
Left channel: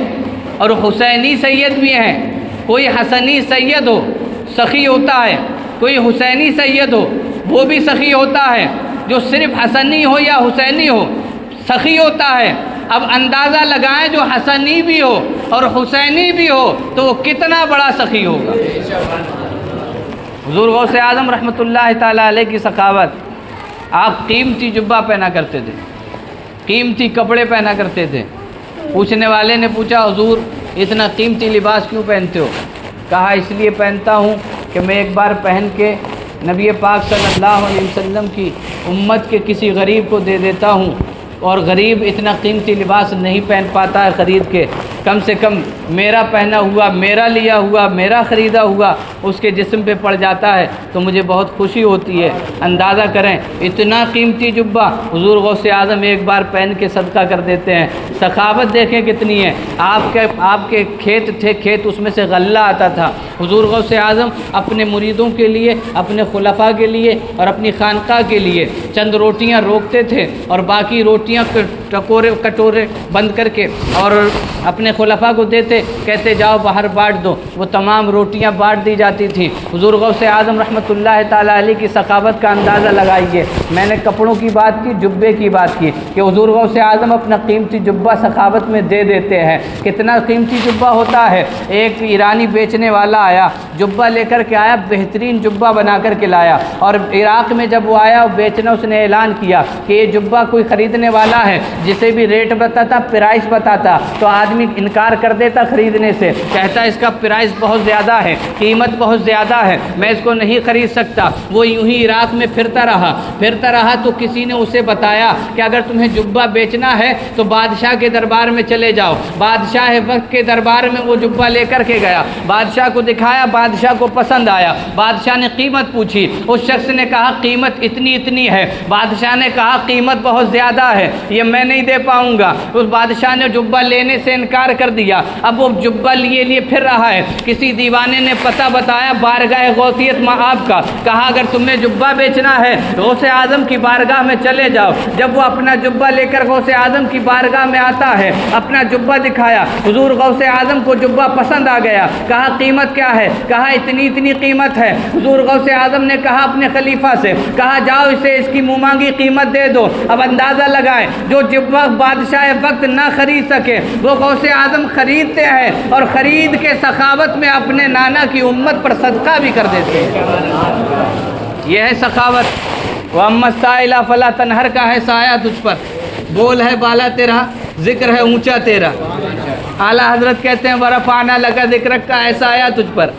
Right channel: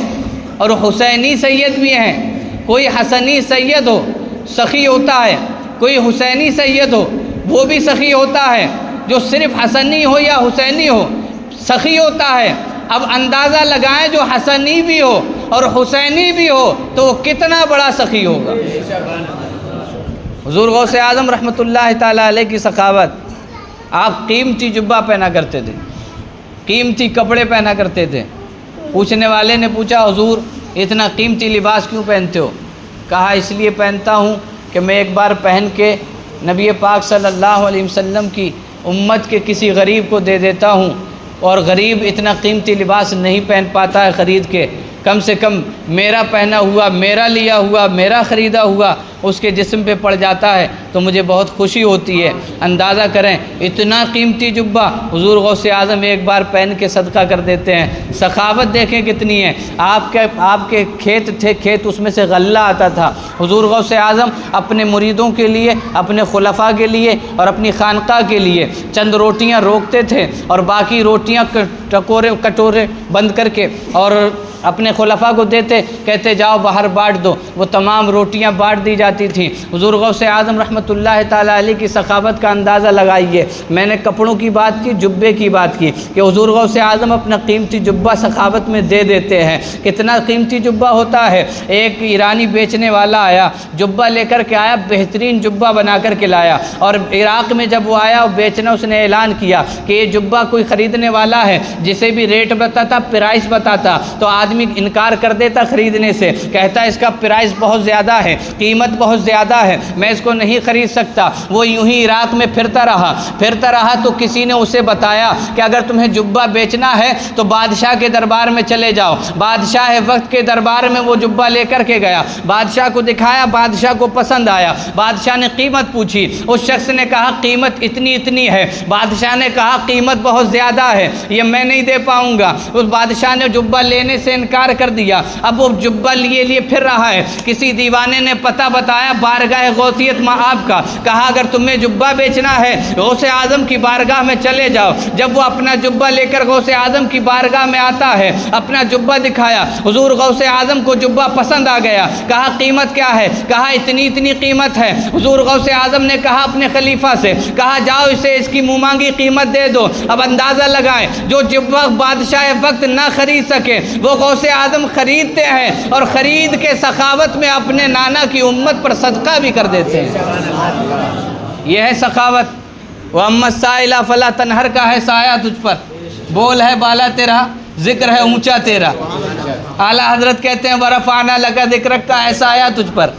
اور حسینی سید بھی ہیں۔ کوئی حسنی سید ہو سخی ہوتا ہے، کوئی حسینی سید ہو وہ بھی سخی ہوتا ہے، جو صرف حسنی ہو یا حسینی ہو سخی ہوتا ہے۔ اب اندازہ لگائیں جو حسنی بھی ہو اور حسینی بھی ہو تو وہ کتنا بڑا سخی ہوگا۔ حضور غوث اعظم رحمۃ اللہ تعالیٰ علیہ کی سخاوت، آپ قیمتی جبہ پہنا کرتے تھے، قیمتی کپڑے پہنا کرتے تھے۔ پوچھنے والے نے پوچھا حضور اتنا قیمتی لباس کیوں پہنتے ہو؟ کہا اس لیے پہنتا ہوں کہ میں ایک بار پہن کے نبی پاک صلی اللہ علیہ وسلم کی امت کے کسی غریب کو دے دیتا ہوں، اور غریب اتنا قیمتی لباس نہیں پہن پاتا ہے خرید کے، کم سے کم میرا پہنا ہوا، میرا لیا ہوا، میرا خریدا ہوا اس کے جسم پہ پڑ جاتا ہے تو مجھے بہت خوشی ہوتی ہے۔ اندازہ کریں اتنا قیمتی جبہ حضور غوث اعظم ایک بار پہن کے صدقہ کر دیتے ہیں۔ سخاوت دیکھیں کتنی ہے۔ آپ کے کھیت تھے، کھیت اس میں سے غلہ آتا تھا، حضور غوث اعظم اپنے مریدوں کے لیے، اپنے خلفاء کے لیے اور اپنی خانقاہ کے لیے چند روٹیاں روکتے تھے اور باقی روٹیاں کٹورے بند کر کے اور اپنے خلفاء کو دیتے، کہتے جاؤ باہر بانٹ دو، وہ تمام روٹیاں بانٹ دی جاتی تھی۔ حضور غوث اعظم رحمۃ اللہ تعالیٰ علیہ کی سخاوت کا اندازہ لگائیے۔ میں نے کپڑوں کی بات کی، جبے کی بات کی کہ حضور غوث اعظم اپنا قیمتی جبہ سخاوت میں دے دیتے ہیں۔ کتنا قیمتی جبہ ہوتا ہے۔ ایک ایرانی بیچنے والا آیا، جبہ لے کر کے آیا، بہترین جبہ بنا کر کے لایا، اور عراق میں جب وہ آیا بیچنا، اس نے اعلان کیا کہ یہ جبہ کوئی خریدنے والا ہے، جسے بھی ریٹ بتاتا، پرائس بتاتا تو آدمی انکار کر دیتا خریدنے سے، کہتا اس کا پرائس بہت زیادہ ہے، قیمت بہت زیادہ ہے، میں اس کو نہیں خرید سکتا۔ وہ یوں ہی عراق میں پھرتا رہا تو کسی نے اسے بتایا کہ اگر تمہیں جبہ بیچنا ہے تو بادشاہ کے دربار میں چلے جاؤ۔ بادشاہ وقت کے دربار میں وہ جبہ لے کر کے گیا، بادشاہ کو دکھایا، بادشاہ کو پسند آیا، بادشاہ نے قیمت پوچھی، اس شخص نے کہا قیمت اتنی ہے، بادشاہ نے کہا قیمت بہت زیادہ ہے، یہ میں نہیں دے پاؤں گا۔ اس بادشاہ نے جبہ لینے سے انکار کر دیا۔ اب وہ جبہ لیے پھر رہا ہے۔ کسی دیوانے نے پتہ بتایا بارگاہ غوثیت مآب کا، کہا اگر تمہیں جبہ بیچنا ہے غوث اعظم کی بارگاہ میں چلے جاؤ۔ جب وہ اپنا جبہ لے کر غوث اعظم کی بارگاہ میں آتا ہے، اپنا جبہ دکھایا، حضور غوث اعظم کو جبہ پسند آ گیا۔ کہا قیمت کیا ہے؟ کہا اتنی قیمت ہے۔ حضور غوث اعظم نے کہا اپنے خلیفہ سے، کہا جاؤ اسے اس کی منہ مانگی قیمت دے دو۔ اب اندازہ لگائے جو جبہ بادشاہ وقت نہ خرید سکے وہ غوث اعظم خریدتے ہیں اور خرید کے سخاوت میں اپنے نانا کی امت پر صدقہ بھی کر دیتے ہیں۔ یہ ہے سخاوت۔ وَأَمَّا السَّائِلَ فَلَا تَنْهَرْ کا ہے سایہ تجھ پر، بول ہے بالا تیرا، ذکر ہے اونچا تیرا۔ اعلیٰ حضرت کہتے ہیں وَرَفَعْنَا لَكَ ذِكْرَكَ کا ہے سایہ تجھ پر،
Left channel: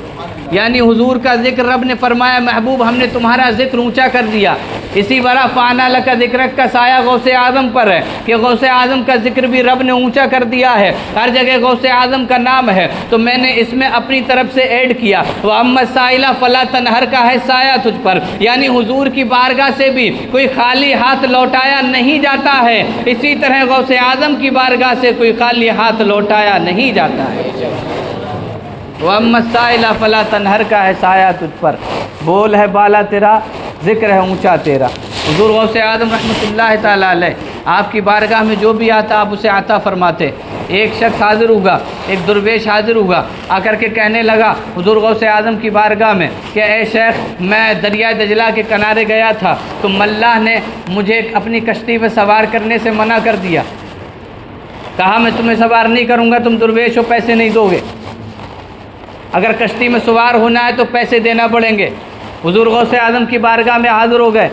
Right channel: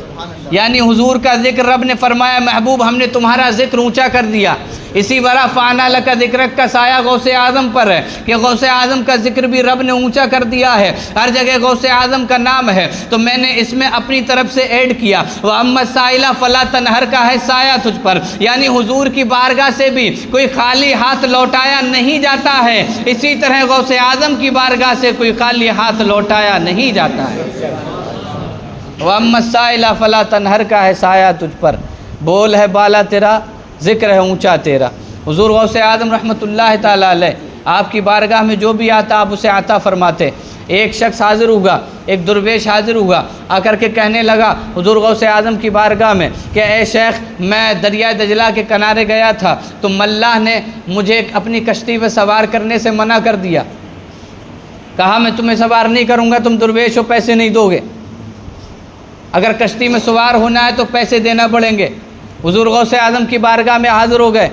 یعنی حضور کا ذکر رب نے فرمایا محبوب ہم نے تمہارا ذکر اونچا کر دیا۔ اسی وَرَفَعْنَا لَكَ ذِكْرَكَ کا سایہ غوث اعظم پر ہے کہ غوث اعظم کا ذکر بھی رب نے اونچا کر دیا ہے۔ ہر جگہ غوث اعظم کا نام ہے تو میں نے اس میں اپنی طرف سے ایڈ کیا۔ وَأَمَّا السَّائِلَ فَلَا تَنْهَرْ کا ہے سایہ تجھ پر، یعنی حضور کی بارگاہ سے بھی کوئی خالی ہاتھ لوٹایا نہیں جاتا ہے، اسی طرح غوث اعظم کی بارگاہ سے کوئی خالی ہاتھ لوٹایا نہیں جاتا ہے۔ وَأَمَّا السَّائِلَ فَلَا تَنْهَرْ کا ہے سایہ تجھ پر، بول ہے بالا تیرا، ذکر ہے اونچا تیرا۔ حضور غوث اعظم رحمۃ اللہ تعالیٰ علیہ آپ کی بارگاہ میں جو بھی آتا آپ اسے عطا فرماتے۔ ایک شخص حاضر ہوگا، ایک درویش حاضر ہوگا، آ کر کے کہنے لگا حضور غوث اعظم کی بارگاہ میں کہ اے شیخ میں دریائے دجلہ کے کنارے گیا تھا تو ملاح نے مجھے اپنی کشتی پہ سوار کرنے سے منع کر دیا، کہا میں تمہیں سوار نہیں کروں گا، تم درویش ہو پیسے نہیں دو گے، اگر کشتی میں سوار ہونا ہے تو پیسے دینا پڑیں گے۔ حضور غوث اعظم کی بارگاہ میں حاضر ہو گئے،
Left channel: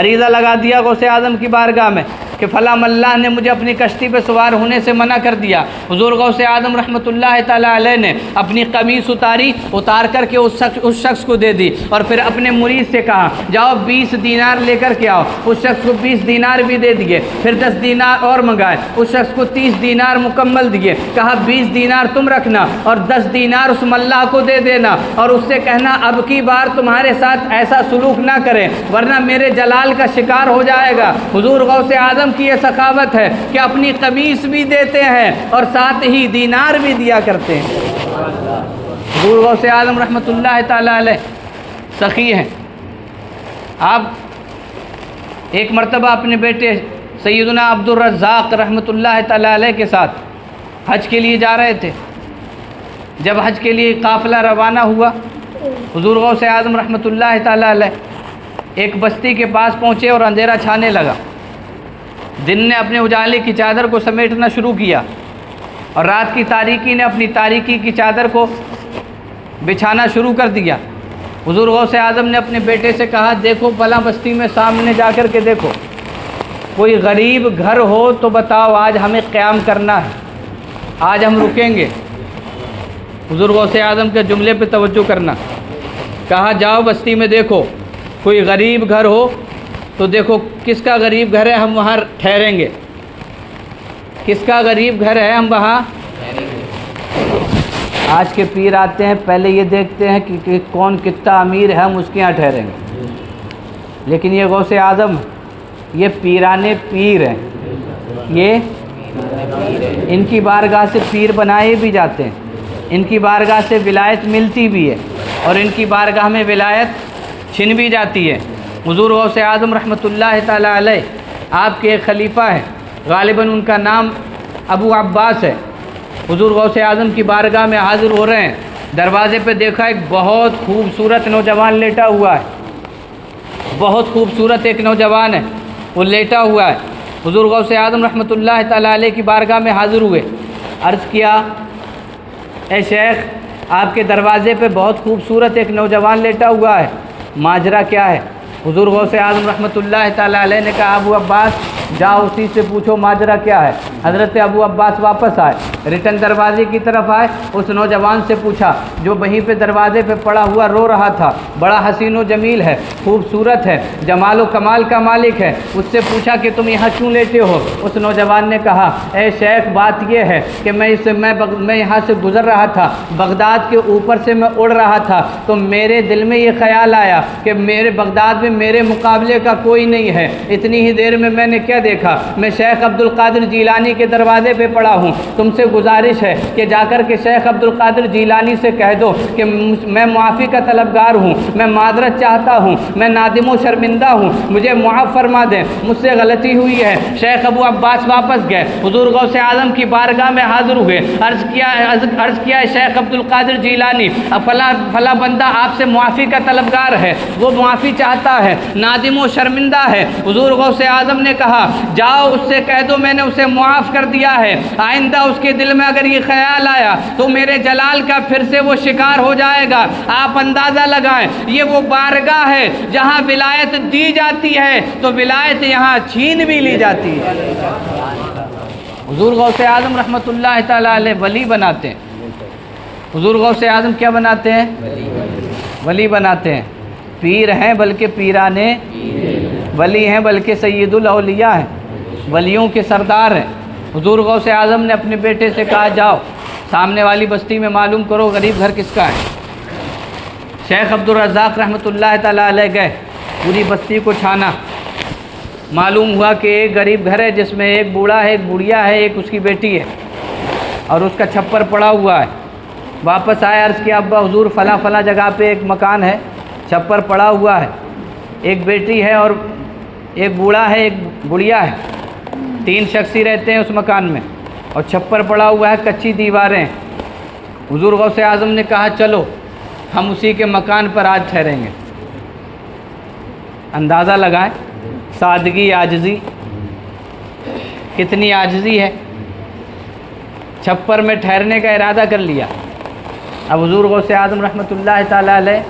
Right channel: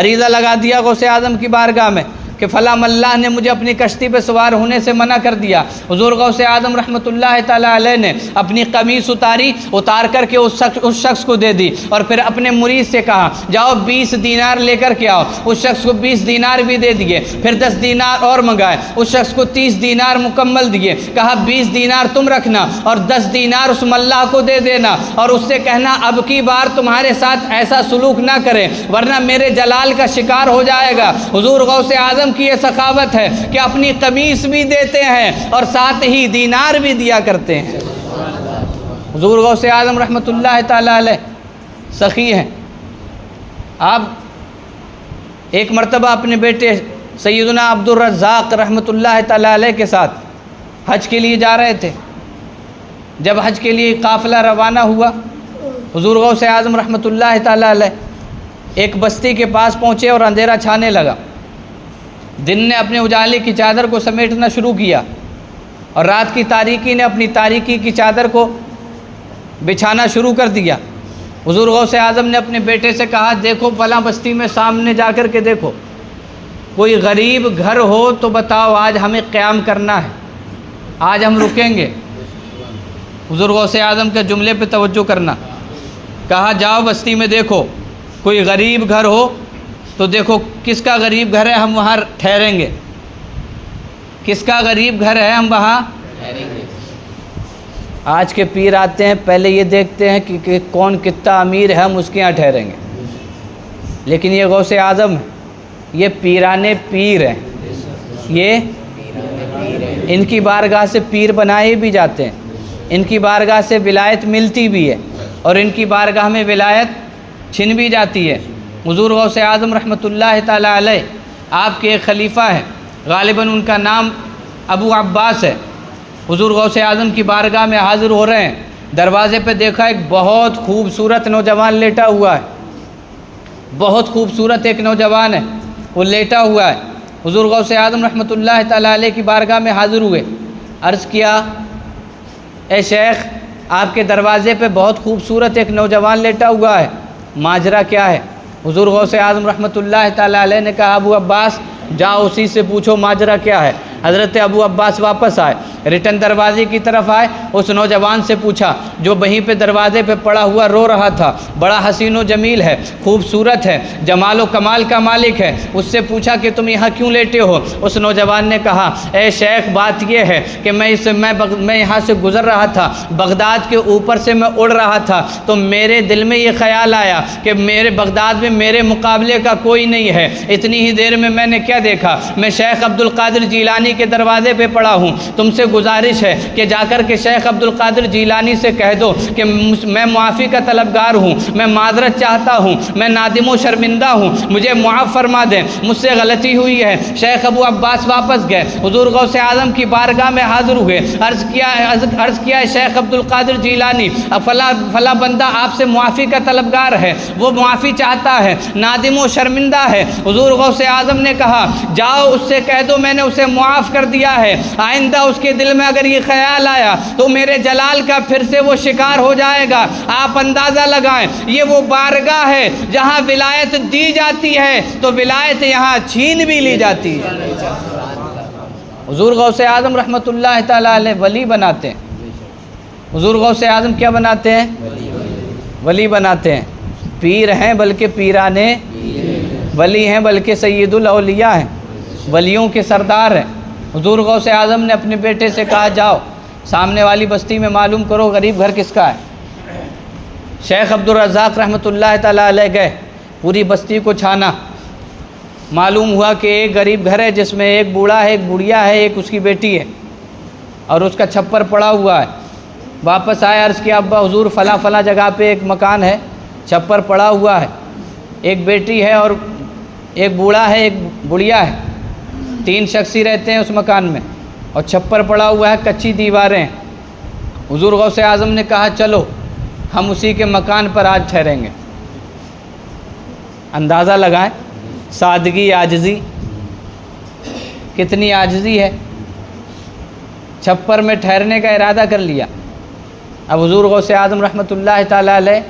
عریضہ لگا دیا غوث اعظم کی بارگاہ میں کہ فلاں ملاح نے مجھے اپنی کشتی پہ سوار ہونے سے منع کر دیا۔ حضور غوث اعظم رحمۃ اللہ تعالیٰ علیہ نے اپنی قمیص اتار کر کے اس شخص کو دے دی اور پھر اپنے مرید سے کہا جاؤ 20 دینار لے کر کے آؤ۔ اس شخص کو 20 دینار بھی دے دیے، پھر 10 دینار اور منگائے، اس شخص کو 30 دینار مکمل دیے، کہا 20 دینار تم رکھنا اور 10 دینار اس ملاح کو دے دینا اور اس سے کہنا اب کی بار تمہارے ساتھ ایسا سلوک نہ کرے ورنہ میرے جلال کا شکار ہو جائے گا۔ حضور غوث اعظم کی یہ سخاوت ہے کہ اپنی قمیص بھی دیتے ہیں اور ساتھ ہی دینار بھی دیا کرتے ہیں۔ حضور غوث اعظم رحمۃ اللہ تعالیٰ علیہ سخی ہیں۔ آپ ایک مرتبہ اپنے بیٹے سیدنا عبد الرزاق رحمۃ اللہ تعالیٰ علیہ کے ساتھ حج کے لیے جا رہے تھے۔ جب حج کے لیے قافلہ روانہ ہوا حضور غوث اعظم رحمۃ اللہ تعالیٰ علیہ ایک بستی کے پاس پہنچے اور اندھیرا چھانے لگا۔ دن نے اپنے اجالے کی چادر کو سمیٹنا شروع کیا اور رات کی تاریکی نے اپنی تاریکی کی چادر کو بچھانا شروع کر دیا۔ حضور غوث اعظم نے اپنے بیٹے سے کہا دیکھو فلاں بستی میں سامنے جا کر کے دیکھو، کوئی غریب گھر ہو تو بتاؤ، آج ہمیں قیام کرنا ہے، آج ہم رکیں گے۔ حضور غوث اعظم کے جملے پہ توجہ کرنا، کہا جاؤ بستی میں دیکھو کوئی غریب گھر ہو تو دیکھو کس کا غریب گھر ہے ہم وہاں ٹھہریں گے، کس کا غریب گھر ہے ہم وہاں۔ آج کے پیر آتے ہیں پہلے یہ دیکھتے ہیں کہ کون کتنا امیر ہے ہم اس کے یہاں ٹھہریں گے، لیکن یہ غوث اعظم یہ پیرانے پیر ہیں، یہ ان کی بارگاہ سے پیر بنائے بھی جاتے ہیں، ان کی بارگاہ سے ولایت ملتی بھی ہے اور ان کی بارگاہ میں ولایت چھن بھی جاتی ہے۔ حضور غوث اعظم رحمۃ اللہ تعالیٰ علیہ آپ کے ایک خلیفہ ہیں، غالباً ان کا نام ابو عباس ہے۔ حضور غوث اعظم کی بارگاہ میں حاضر ہو رہے ہیں، دروازے پہ دیکھا ایک بہت خوبصورت نوجوان لیٹا ہوا ہے، بہت خوبصورت ایک نوجوان ہے، وہ لیٹا ہوا ہے۔ حضور غوث اعظم رحمۃ اللہ تعالیٰ علیہ کی بارگاہ میں حاضر ہوئے، عرض کیا اے شیخ آپ کے دروازے پہ بہت خوبصورت ایک نوجوان لیٹا ہوا ہے، ماجرا کیا ہے؟ حضور غوث اعظم رحمۃ اللہ تعالیٰ علیہ نے کہا ابو عباس جاؤ اسی سے پوچھو ماجرا کیا ہے۔ حضرت ابو عباس واپس آئے، ریٹرن دروازے کی طرف آئے، اس نوجوان سے پوچھا جو وہیں پہ دروازے پہ پڑا ہوا رو رہا تھا، بڑا حسین و جمیل ہے، خوبصورت ہے، جمال و کمال کا مالک ہے، اس سے پوچھا کہ تم یہاں کیوں لیٹے ہو؟ اس نوجوان نے کہا اے شیخ بات یہ ہے کہ میں یہاں سے گزر رہا تھا، بغداد کے اوپر سے میں اڑ رہا تھا، تو میرے دل میں یہ خیال آیا کہ میرے بغداد میں میرے مقابلے کا کوئی نہیں ہے۔ اتنی ہی دیر میں نے کیا دیکھا، میں شیخ عبد القادر جیلانی کے دروازے پہ پڑا ہوں، تم سے گزارش ہے کہ جا کر کے شیخ عبد القادر جیلانی سے کہہ دو کہ میں معافی کا طلبگار ہوں، میں معذرت چاہتا ہوں، میں نادم و شرمندہ ہوں، مجھے معاف فرما دیں، مجھ سے غلطی ہوئی ہے۔ شیخ ابو عباس واپس گئے، حضور غوث اعظم کی بارگاہ میں حاضر ہوئے، عرض کیا شیخ عبد القادر جیلانی فلاں بندہ آپ سے معافی کا طلبگار ہے، وہ معافی چاہتا ہے، نادم و شرمندہ ہے۔ حضور غوث اعظم نے کہا جاؤ اس سے کہہ دو میں نے اسے معاف کر دیا ہے، آئندہ اس کے دل میں اگر یہ خیال آیا تو میرے جلال کا پھر سے وہ شکار ہو جائے گا۔ آپ اندازہ لگائیں یہ وہ بارگاہ ہے جہاں ولایت دی جاتی ہے تو ولایت یہاں چھین بھی لی جاتی ہے۔ حضور غوث اعظم رحمۃ اللہ تعالیٰ علیہ ولی بناتے ہیں۔ حضور غوث اعظم کیا بناتے ہیں؟ ولی بناتے ہیں۔ پیر ہیں بلکہ پیرانے ولی ہیں بلکہ سید الاولیاء ہیں، ولیوں کے سردار ہیں۔ حضور غوث اعظم نے اپنے بیٹے سے کہا جاؤ سامنے والی بستی میں معلوم کرو غریب گھر کس کا ہے۔ شیخ عبد الرزاق رحمۃ اللہ تعالیٰ علیہ گئے، پوری بستی کو چھانا، معلوم ہوا کہ ایک غریب گھر ہے جس میں ایک بوڑھا ہے، ایک بڑھیا ہے، ایک اس کی بیٹی ہے اور اس کا چھپر پڑا ہوا ہے۔ واپس آئے، عرض کیا ابا حضور فلاں جگہ پہ ایک مکان ہے، چھپر پڑا ہوا ہے، ایک بیٹی ہے اور ایک بوڑھا ہے، ایک بڑھیا ہے، 3 شخص ہی رہتے ہیں اس مکان میں اور چھپر پڑا ہوا ہے، کچی دیواریں ہیں۔ حضور غوث اعظم نے کہا چلو ہم اسی کے مکان پر آج ٹھہریں گے۔ اندازہ لگائیں سادگی، عاجزی، کتنی عاجزی ہے۔ چھپر میں ٹھہرنے کا ارادہ کر لیا۔ اب حضور غوث اعظم رحمۃ اللہ تعالیٰ علیہ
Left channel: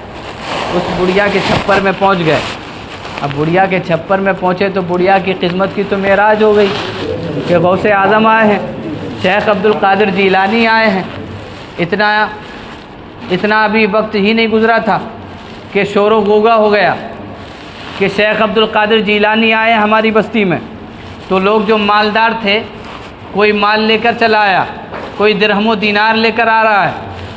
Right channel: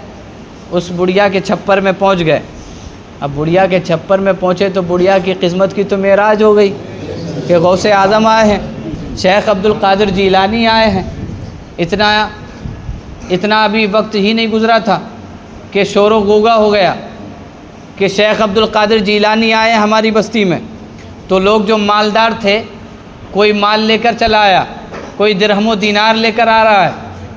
اس بڑھیا کے چھپر میں پہنچ گئے۔ اب بڑھیا کے چھپر میں پہنچے تو بڑھیا کی قسمت کی تو معراج ہو گئی کہ غوث اعظم آئے ہیں، شیخ عبد القادر جیلانی آئے ہیں۔ اتنا ابھی وقت ہی نہیں گزرا تھا کہ شور و غوغا ہو گیا کہ شیخ عبد القادر جیلانی آئے ہماری بستی میں۔ تو لوگ جو مالدار تھے کوئی مال لے کر چلا آیا، کوئی درہم و دینار لے کر آ رہا ہے،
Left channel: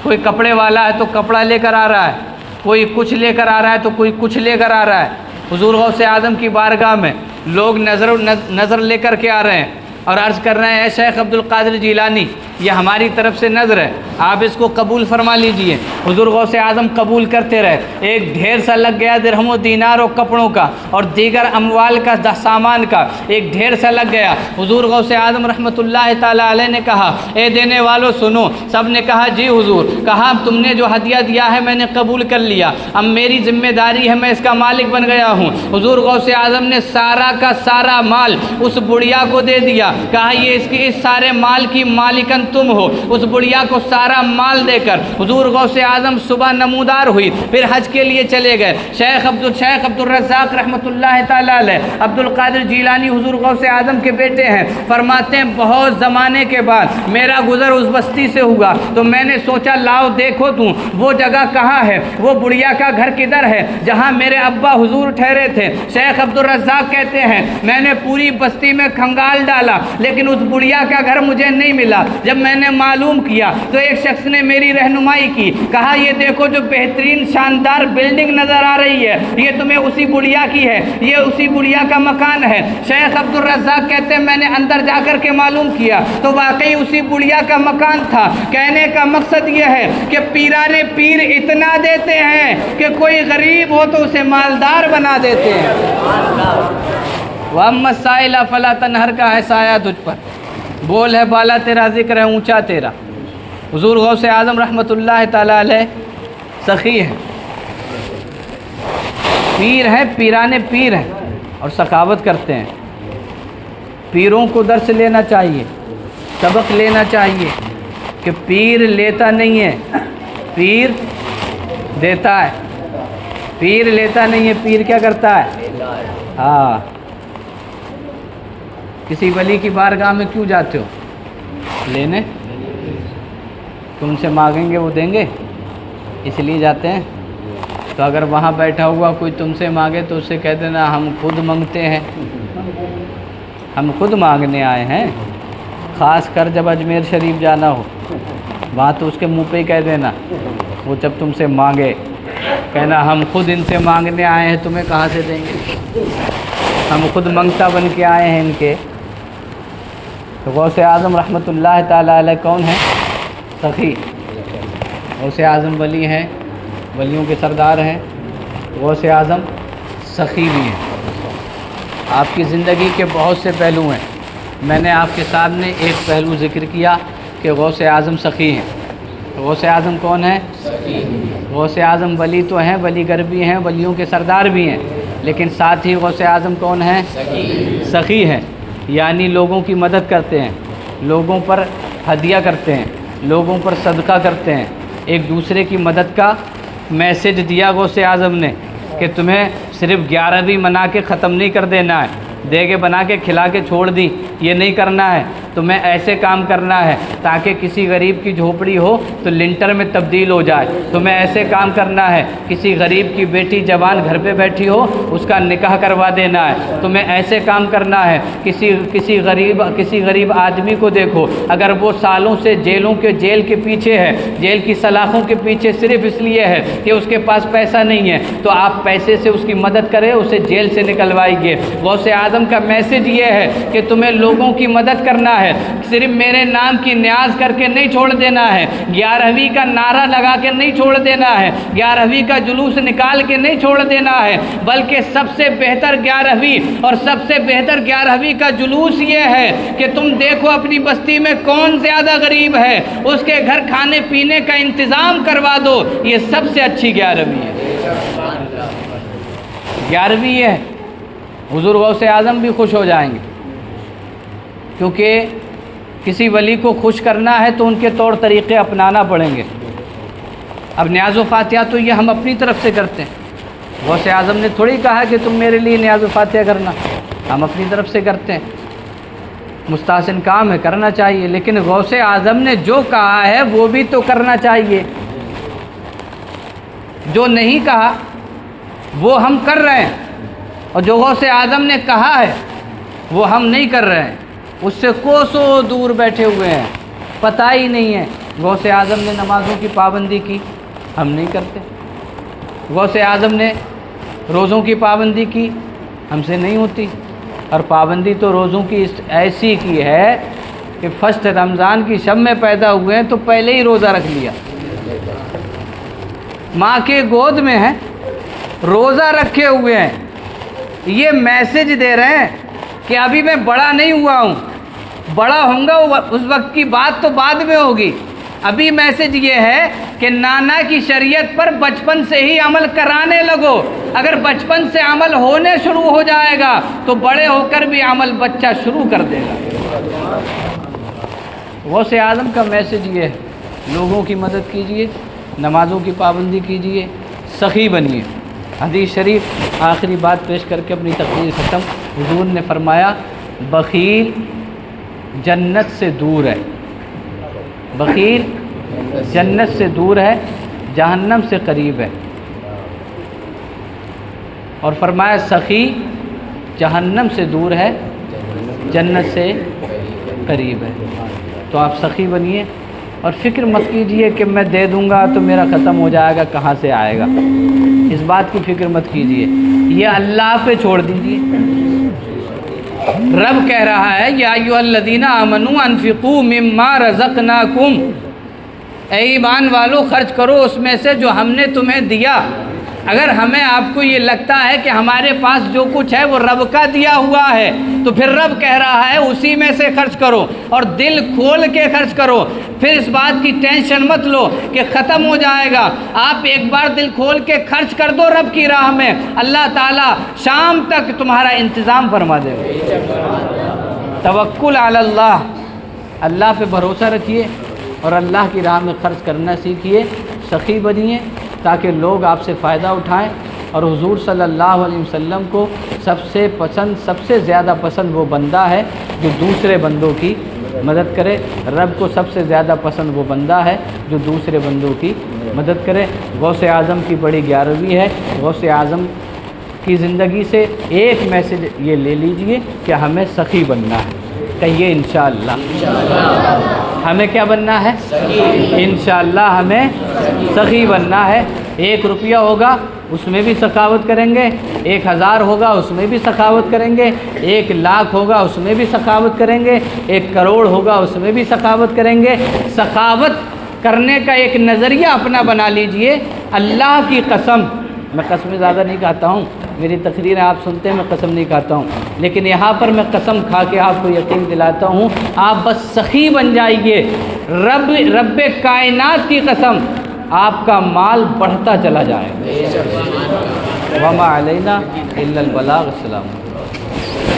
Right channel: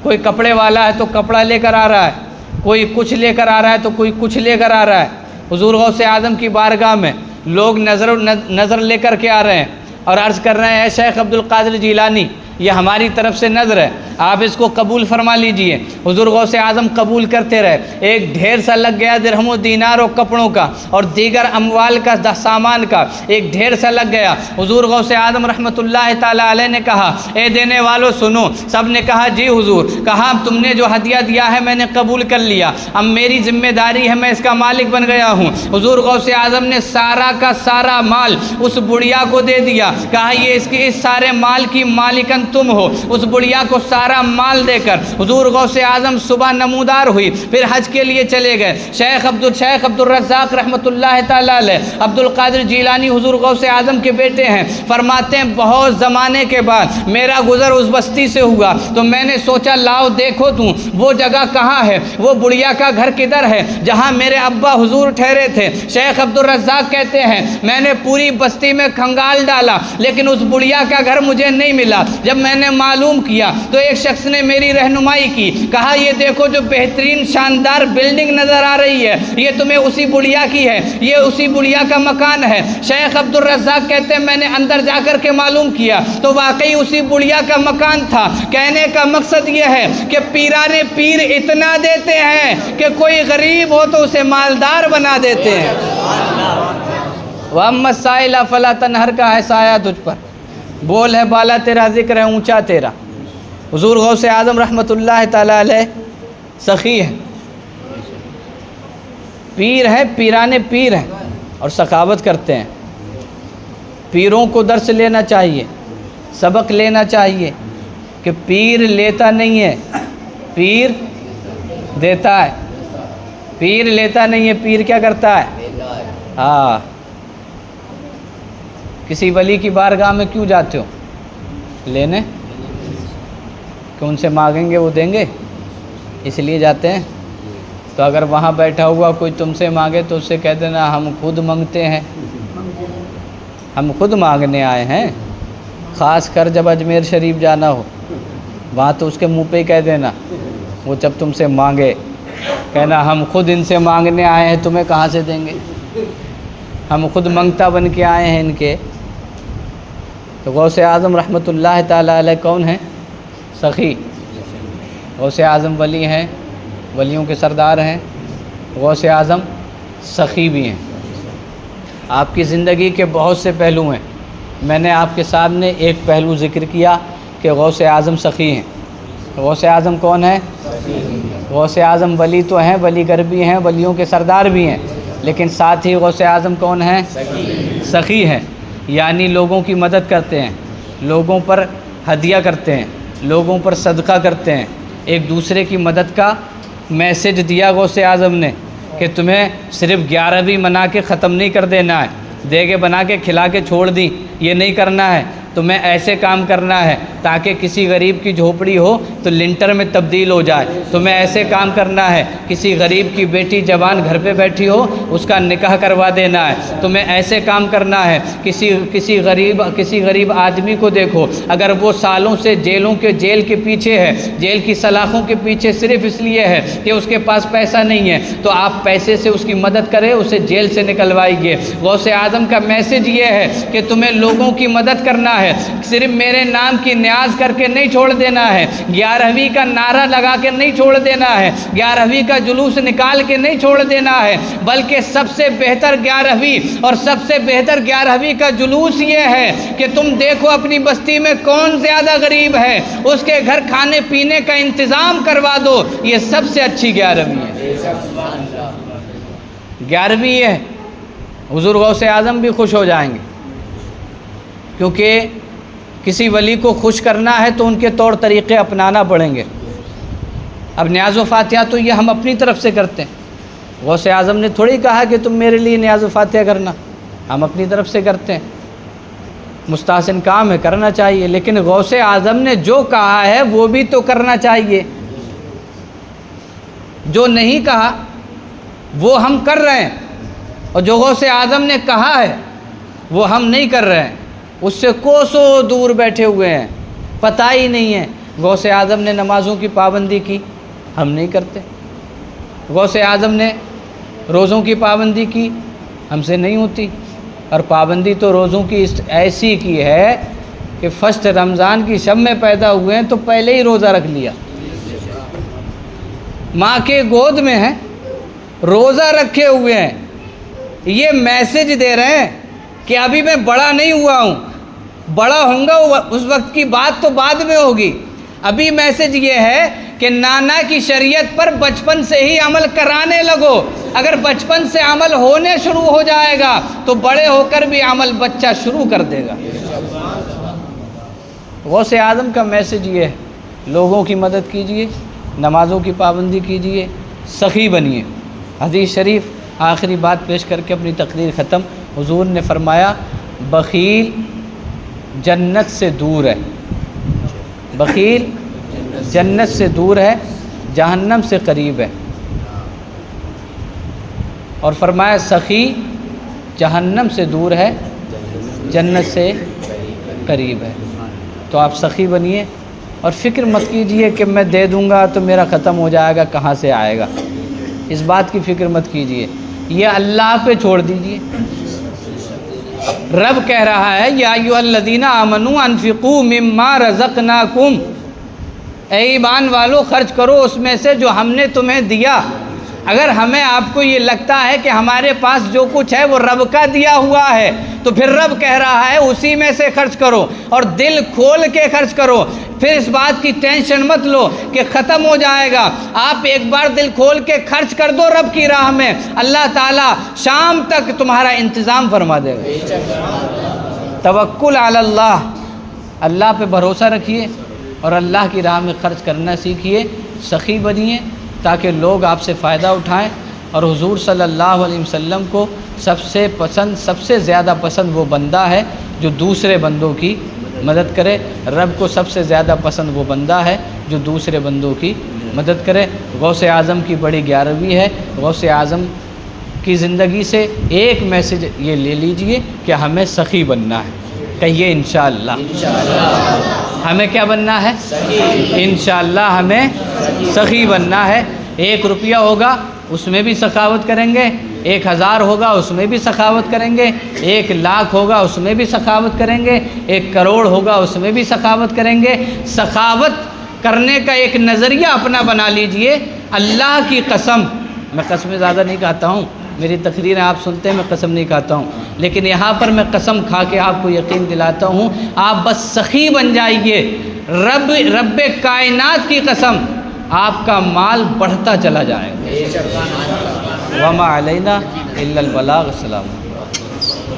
کوئی کپڑے والا ہے تو کپڑا لے کر آ رہا ہے، کوئی کچھ لے کر آ رہا ہے تو کوئی کچھ لے کر آ رہا ہے۔ حضور غوث اعظم کی بارگاہ میں لوگ نظر لے کر کے آ رہے ہیں اور عرض کر رہے ہیں اے شیخ عبد القادر جیلانی یہ ہماری طرف سے نظر ہے، آپ اس کو قبول فرما لیجئے۔ حضور غوث اعظم قبول کرتے رہے، ایک ڈھیر سا لگ گیا درہم و دینار و کپڑوں کا اور دیگر اموال کا سامان کا ایک ڈھیر سا لگ گیا۔ حضور غوث اعظم رحمۃ اللہ تعالیٰ علیہ نے کہا اے دینے والوں سنو۔ سب نے کہا جی حضور۔ کہا تم نے جو ہدیہ دیا ہے میں نے قبول کر لیا، اب میری ذمہ داری ہے، میں اس کا مالک بن گیا ہوں۔ حضور غوث اعظم نے سارا کا سارا مال اس بڑھیا کو دے دیا، کہا یہ اس سارے مال کی مالکن تم ہو۔ اس بڑھیا کو سارا مال دے کر حضور غوث اعظم صبح نمودار ہوئی، پھر حج کے لیے چلے گئے۔ شیخ عبد الرزاق رحمۃ اللہ تعالیٰ علیہ عبد القادر جیلانی حضور غوث اعظم کے بیٹے ہیں، فرماتے ہیں بہت زمانے کے بعد میرا گزر اس بستی سے ہوا تو میں نے سوچا لاؤ دیکھو تو وہ جگہ کہاں ہے، وہ بڑھیا کا گھر کدھر ہے جہاں میرے ابا حضور ٹھہرے تھے۔ شیخ عبد الرزاق کہتے ہیں میں نے پوری بستی میں کھنگال ڈالا لیکن اس بڑھیا کا گھر مجھے نہیں ملا۔ جب میں نے معلوم کیا تو ایک شخص نے میری رہنمائی کی، کہا یہ دیکھو جو بہترین شاندار بلڈنگ نظر آ رہی ہے یہ تمہیں اسی بڑھیا کی ہے، یہ اسی بڑھیا کا مکان ہے۔ شیخ عبد الرزاق کہتے ہیں میں نے اندر جا کر کے معلوم کیا تو واقعی اسی بڑھیا کا مکان تھا۔ کہنے کا مقصد یہ ہے کہ پیرانے پیر اتنا دیتے ہیں کہ کوئی غریب ہو تو اسے مالدار بنا دیتے ہیں۔ وَأَمَّا السَّائِلَ فَلَا تَنْهَرْ کا ہے سایہ تجھ پر، بول ہے بالا تیرا، ذکر ہے اونچا تیرا۔ حضور غوث اعظم رحمۃ اللہ تعالیٰ علیہ سخی ہے، پیر ہے، پیرانے پیر ہیں اور سخاوت کرتے ہیں۔ پیروں کو درس لینا چاہیے، سبق لینا چاہیے کہ پیر لیتا نہیں ہے، پیر دیتا ہے۔ پیر لیتا نہیں ہے، پیر کیا کرتا ہے؟ ہاں کسی ولی کی بارگاہ میں کیوں جاتے ہو؟ لینے کہ ان سے مانگیں گے وہ دیں گے، اس لیے جاتے ہیں۔ تو اگر وہاں بیٹھا ہوا کوئی تم سے مانگے تو اس سے کہہ دینا ہم خود مانگتے ہیں، ہم خود مانگنے آئے ہیں۔ خاص کر جب اجمیر شریف جانا ہو وہاں تو اس کے منہ پہ ہی کہہ دینا، وہ جب تم سے مانگے کہنا ہم خود ان سے مانگنے آئے ہیں، تمہیں کہاں سے دیں گے، ہم خود منگتا بن کے آئے ہیں ان کے۔ تو غوث اعظم رحمۃ اللہ تعالیٰ علیہ کون ہیں؟ سخی۔ غوث اعظم ولی ہیں، ولیوں کے سردار ہیں، غوث اعظم سخی بھی ہیں۔ آپ کی زندگی کے بہت سے پہلو ہیں، میں نے آپ کے سامنے ایک پہلو ذکر کیا کہ غوث اعظم سخی ہیں۔ غوث اعظم کون ہیں؟ غوث اعظم ولی تو ہیں، ولی گر بھی ہیں، ولیوں کے سردار بھی ہیں، لیکن ساتھ ہی غوث اعظم کون ہیں؟ سخی ہیں، یعنی لوگوں کی مدد کرتے ہیں، لوگوں پر ہدیہ کرتے ہیں، لوگوں پر صدقہ کرتے ہیں۔ ایک دوسرے کی مدد کا میسج دیا غوث اعظم نے کہ تمہیں صرف 11ویں منا کے ختم نہیں کر دینا ہے، دیگے بنا کے کھلا کے چھوڑ دی، یہ نہیں کرنا ہے، تمہیں ایسے کام کرنا ہے تاکہ کسی غریب کی جھوپڑی ہو تو لنٹر میں تبدیل ہو جائے، تمہیں ایسے کام کرنا ہے کسی غریب کی بیٹی جوان گھر پہ بیٹھی ہو اس کا نکاح کروا دینا ہے، تمہیں ایسے کام کرنا ہے کسی غریب آدمی کو دیکھو اگر وہ سالوں سے جیل کے پیچھے ہے، جیل کی سلاخوں کے پیچھے صرف اس لیے ہے کہ اس کے پاس پیسہ نہیں ہے، تو آپ پیسے سے اس کی مدد کریں، اسے جیل سے نکلوائیے۔ غوث اعظم کا میسج یہ ہے کہ تمہیں لوگوں کی مدد کرنا ہے، صرف میرے نام کی نیاز کر کے نہیں چھوڑ دینا ہے، 11ویں کا نعرہ لگا کے نہیں چھوڑ دینا ہے، 11ویں کا جلوس نکال کے نہیں چھوڑ دینا ہے، بلکہ سب سے بہتر 11ویں اور سب سے بہتر 11ویں کا جلوس یہ ہے کہ تم دیکھو اپنی بستی میں کون زیادہ غریب ہے، اس کے گھر کھانے پینے کا انتظام کروا دو، یہ سب سے اچھی 11ویں ہے۔ 11ویں ہے، حضور غوث اعظم بھی خوش ہو جائیں گے، کیونکہ کسی ولی کو خوش کرنا ہے تو ان کے طور طریقے اپنانا پڑیں گے۔ اب نیاز و فاتحہ تو یہ ہم اپنی طرف سے کرتے ہیں، غوث اعظم نے تھوڑی کہا کہ تم میرے لیے نیاز و فاتحہ کرنا، ہم اپنی طرف سے کرتے ہیں، مستحسن کام ہے کرنا چاہیے، لیکن غوث اعظم نے جو کہا ہے وہ بھی تو کرنا چاہیے، جو نہیں کہا وہ ہم کر رہے ہیں، اور جو غوث اعظم نے کہا ہے وہ ہم نہیں کر رہے ہیں، اس سے کوسوں دور بیٹھے ہوئے ہیں، پتہ ہی نہیں ہے۔ غوث اعظم نے نمازوں کی پابندی کی، ہم نہیں کرتے۔ غوث اعظم نے روزوں کی پابندی کی، ہم سے نہیں ہوتی، اور پابندی تو روزوں کی ایسی کی ہے کہ فرسٹ رمضان کی شب میں پیدا ہوئے ہیں تو پہلے ہی روزہ رکھ لیا، ماں کے گود میں ہیں، روزہ رکھے ہوئے ہیں، یہ میسج دے رہے ہیں کہ ابھی میں بڑا نہیں ہوا ہوں، بڑا ہوں گا اس وقت کی بات تو بعد میں ہوگی، ابھی میسج یہ ہے کہ نانا کی شریعت پر بچپن سے ہی عمل کرانے لگو، اگر بچپن سے عمل ہونے شروع ہو جائے گا تو بڑے ہو کر بھی عمل بچہ شروع کر دے گا۔ غوث اعظم کا میسج یہ ہے، لوگوں کی مدد کیجئے، نمازوں کی پابندی کیجئے، سخی بنیے۔ حدیث شریف آخری بات پیش کر کے اپنی تقریر ختم، حضور نے فرمایا بخیل جنت سے دور ہے، بخیل جنت سے دور ہے، جہنم سے قریب ہے، اور فرمایا سخی جہنم سے دور ہے، جنت سے قریب ہے۔ تو آپ سخی بنیے اور فکر مت کیجئے کہ میں دے دوں گا تو میرا ختم ہو جائے گا، کہاں سے آئے گا، اس بات کی فکر مت کیجئے، یہ اللہ پہ چھوڑ دیجئے۔ رب کہہ رہا ہے یا ایھا الذین آمنوا انفقوا مما رزقناکم، اے ایمان والو خرچ کرو اس میں سے جو ہم نے تمہیں دیا۔ اگر ہمیں آپ کو یہ لگتا ہے کہ ہمارے پاس جو کچھ ہے وہ رب کا دیا ہوا ہے تو پھر رب کہہ رہا ہے اسی میں سے خرچ کرو، اور دل کھول کے خرچ کرو، پھر اس بات کی ٹینشن مت لو کہ ختم ہو جائے گا، آپ ایک بار دل کھول کے خرچ کر دو رب کی راہ میں، اللہ تعالیٰ شام تک تمہارا انتظام فرما دے گا۔ توکل علی اللہ، اللہ پہ بھروسہ رکھیے اور اللہ کی راہ میں خرچ کرنا سیکھیے، سخی بنیے تاکہ لوگ آپ سے فائدہ اٹھائیں اور حضور صلی اللہ علیہ وسلم کو سب سے زیادہ پسند وہ بندہ ہے جو دوسرے بندوں کی مدد کرے. رب کو سب سے زیادہ پسند وہ بندہ ہے جو دوسرے بندوں کی مدد کرے. غوث اعظم کی بڑی 11ویں ہے. غوث اعظم کی زندگی سے ایک میسج یہ لے لیجئے کہ ہمیں سخی بننا ہے. کہیے انشاءاللہ. ہمیں کیا بننا ہے؟ انشاءاللہ ہمیں سخی بننا ہے. 1 روپیہ ہوگا اس میں بھی سخاوت کریں گے, 1000 ہوگا اس میں بھی سخاوت کریں گے, 1 لاکھ ہوگا اس میں بھی سخاوت کریں گے, 1 کروڑ ہوگا اس میں بھی سخاوت کریں گے. سخاوت کرنے کا ایک نظریہ اپنا بنا لیجئے. اللہ کی قسم, میں قسمیں زیادہ نہیں کھاتا ہوں, میری تقریریں آپ سنتے ہیں, میں قسم نہیں کھاتا ہوں, لیکن یہاں پر میں قسم کھا کے آپ کو یقین دلاتا ہوں, آپ بس سخی بن جائیے. رب کائنات کی قسم آپ کا مال بڑھتا چلا جائے گا. وما علینا الا البلاغ. السلام.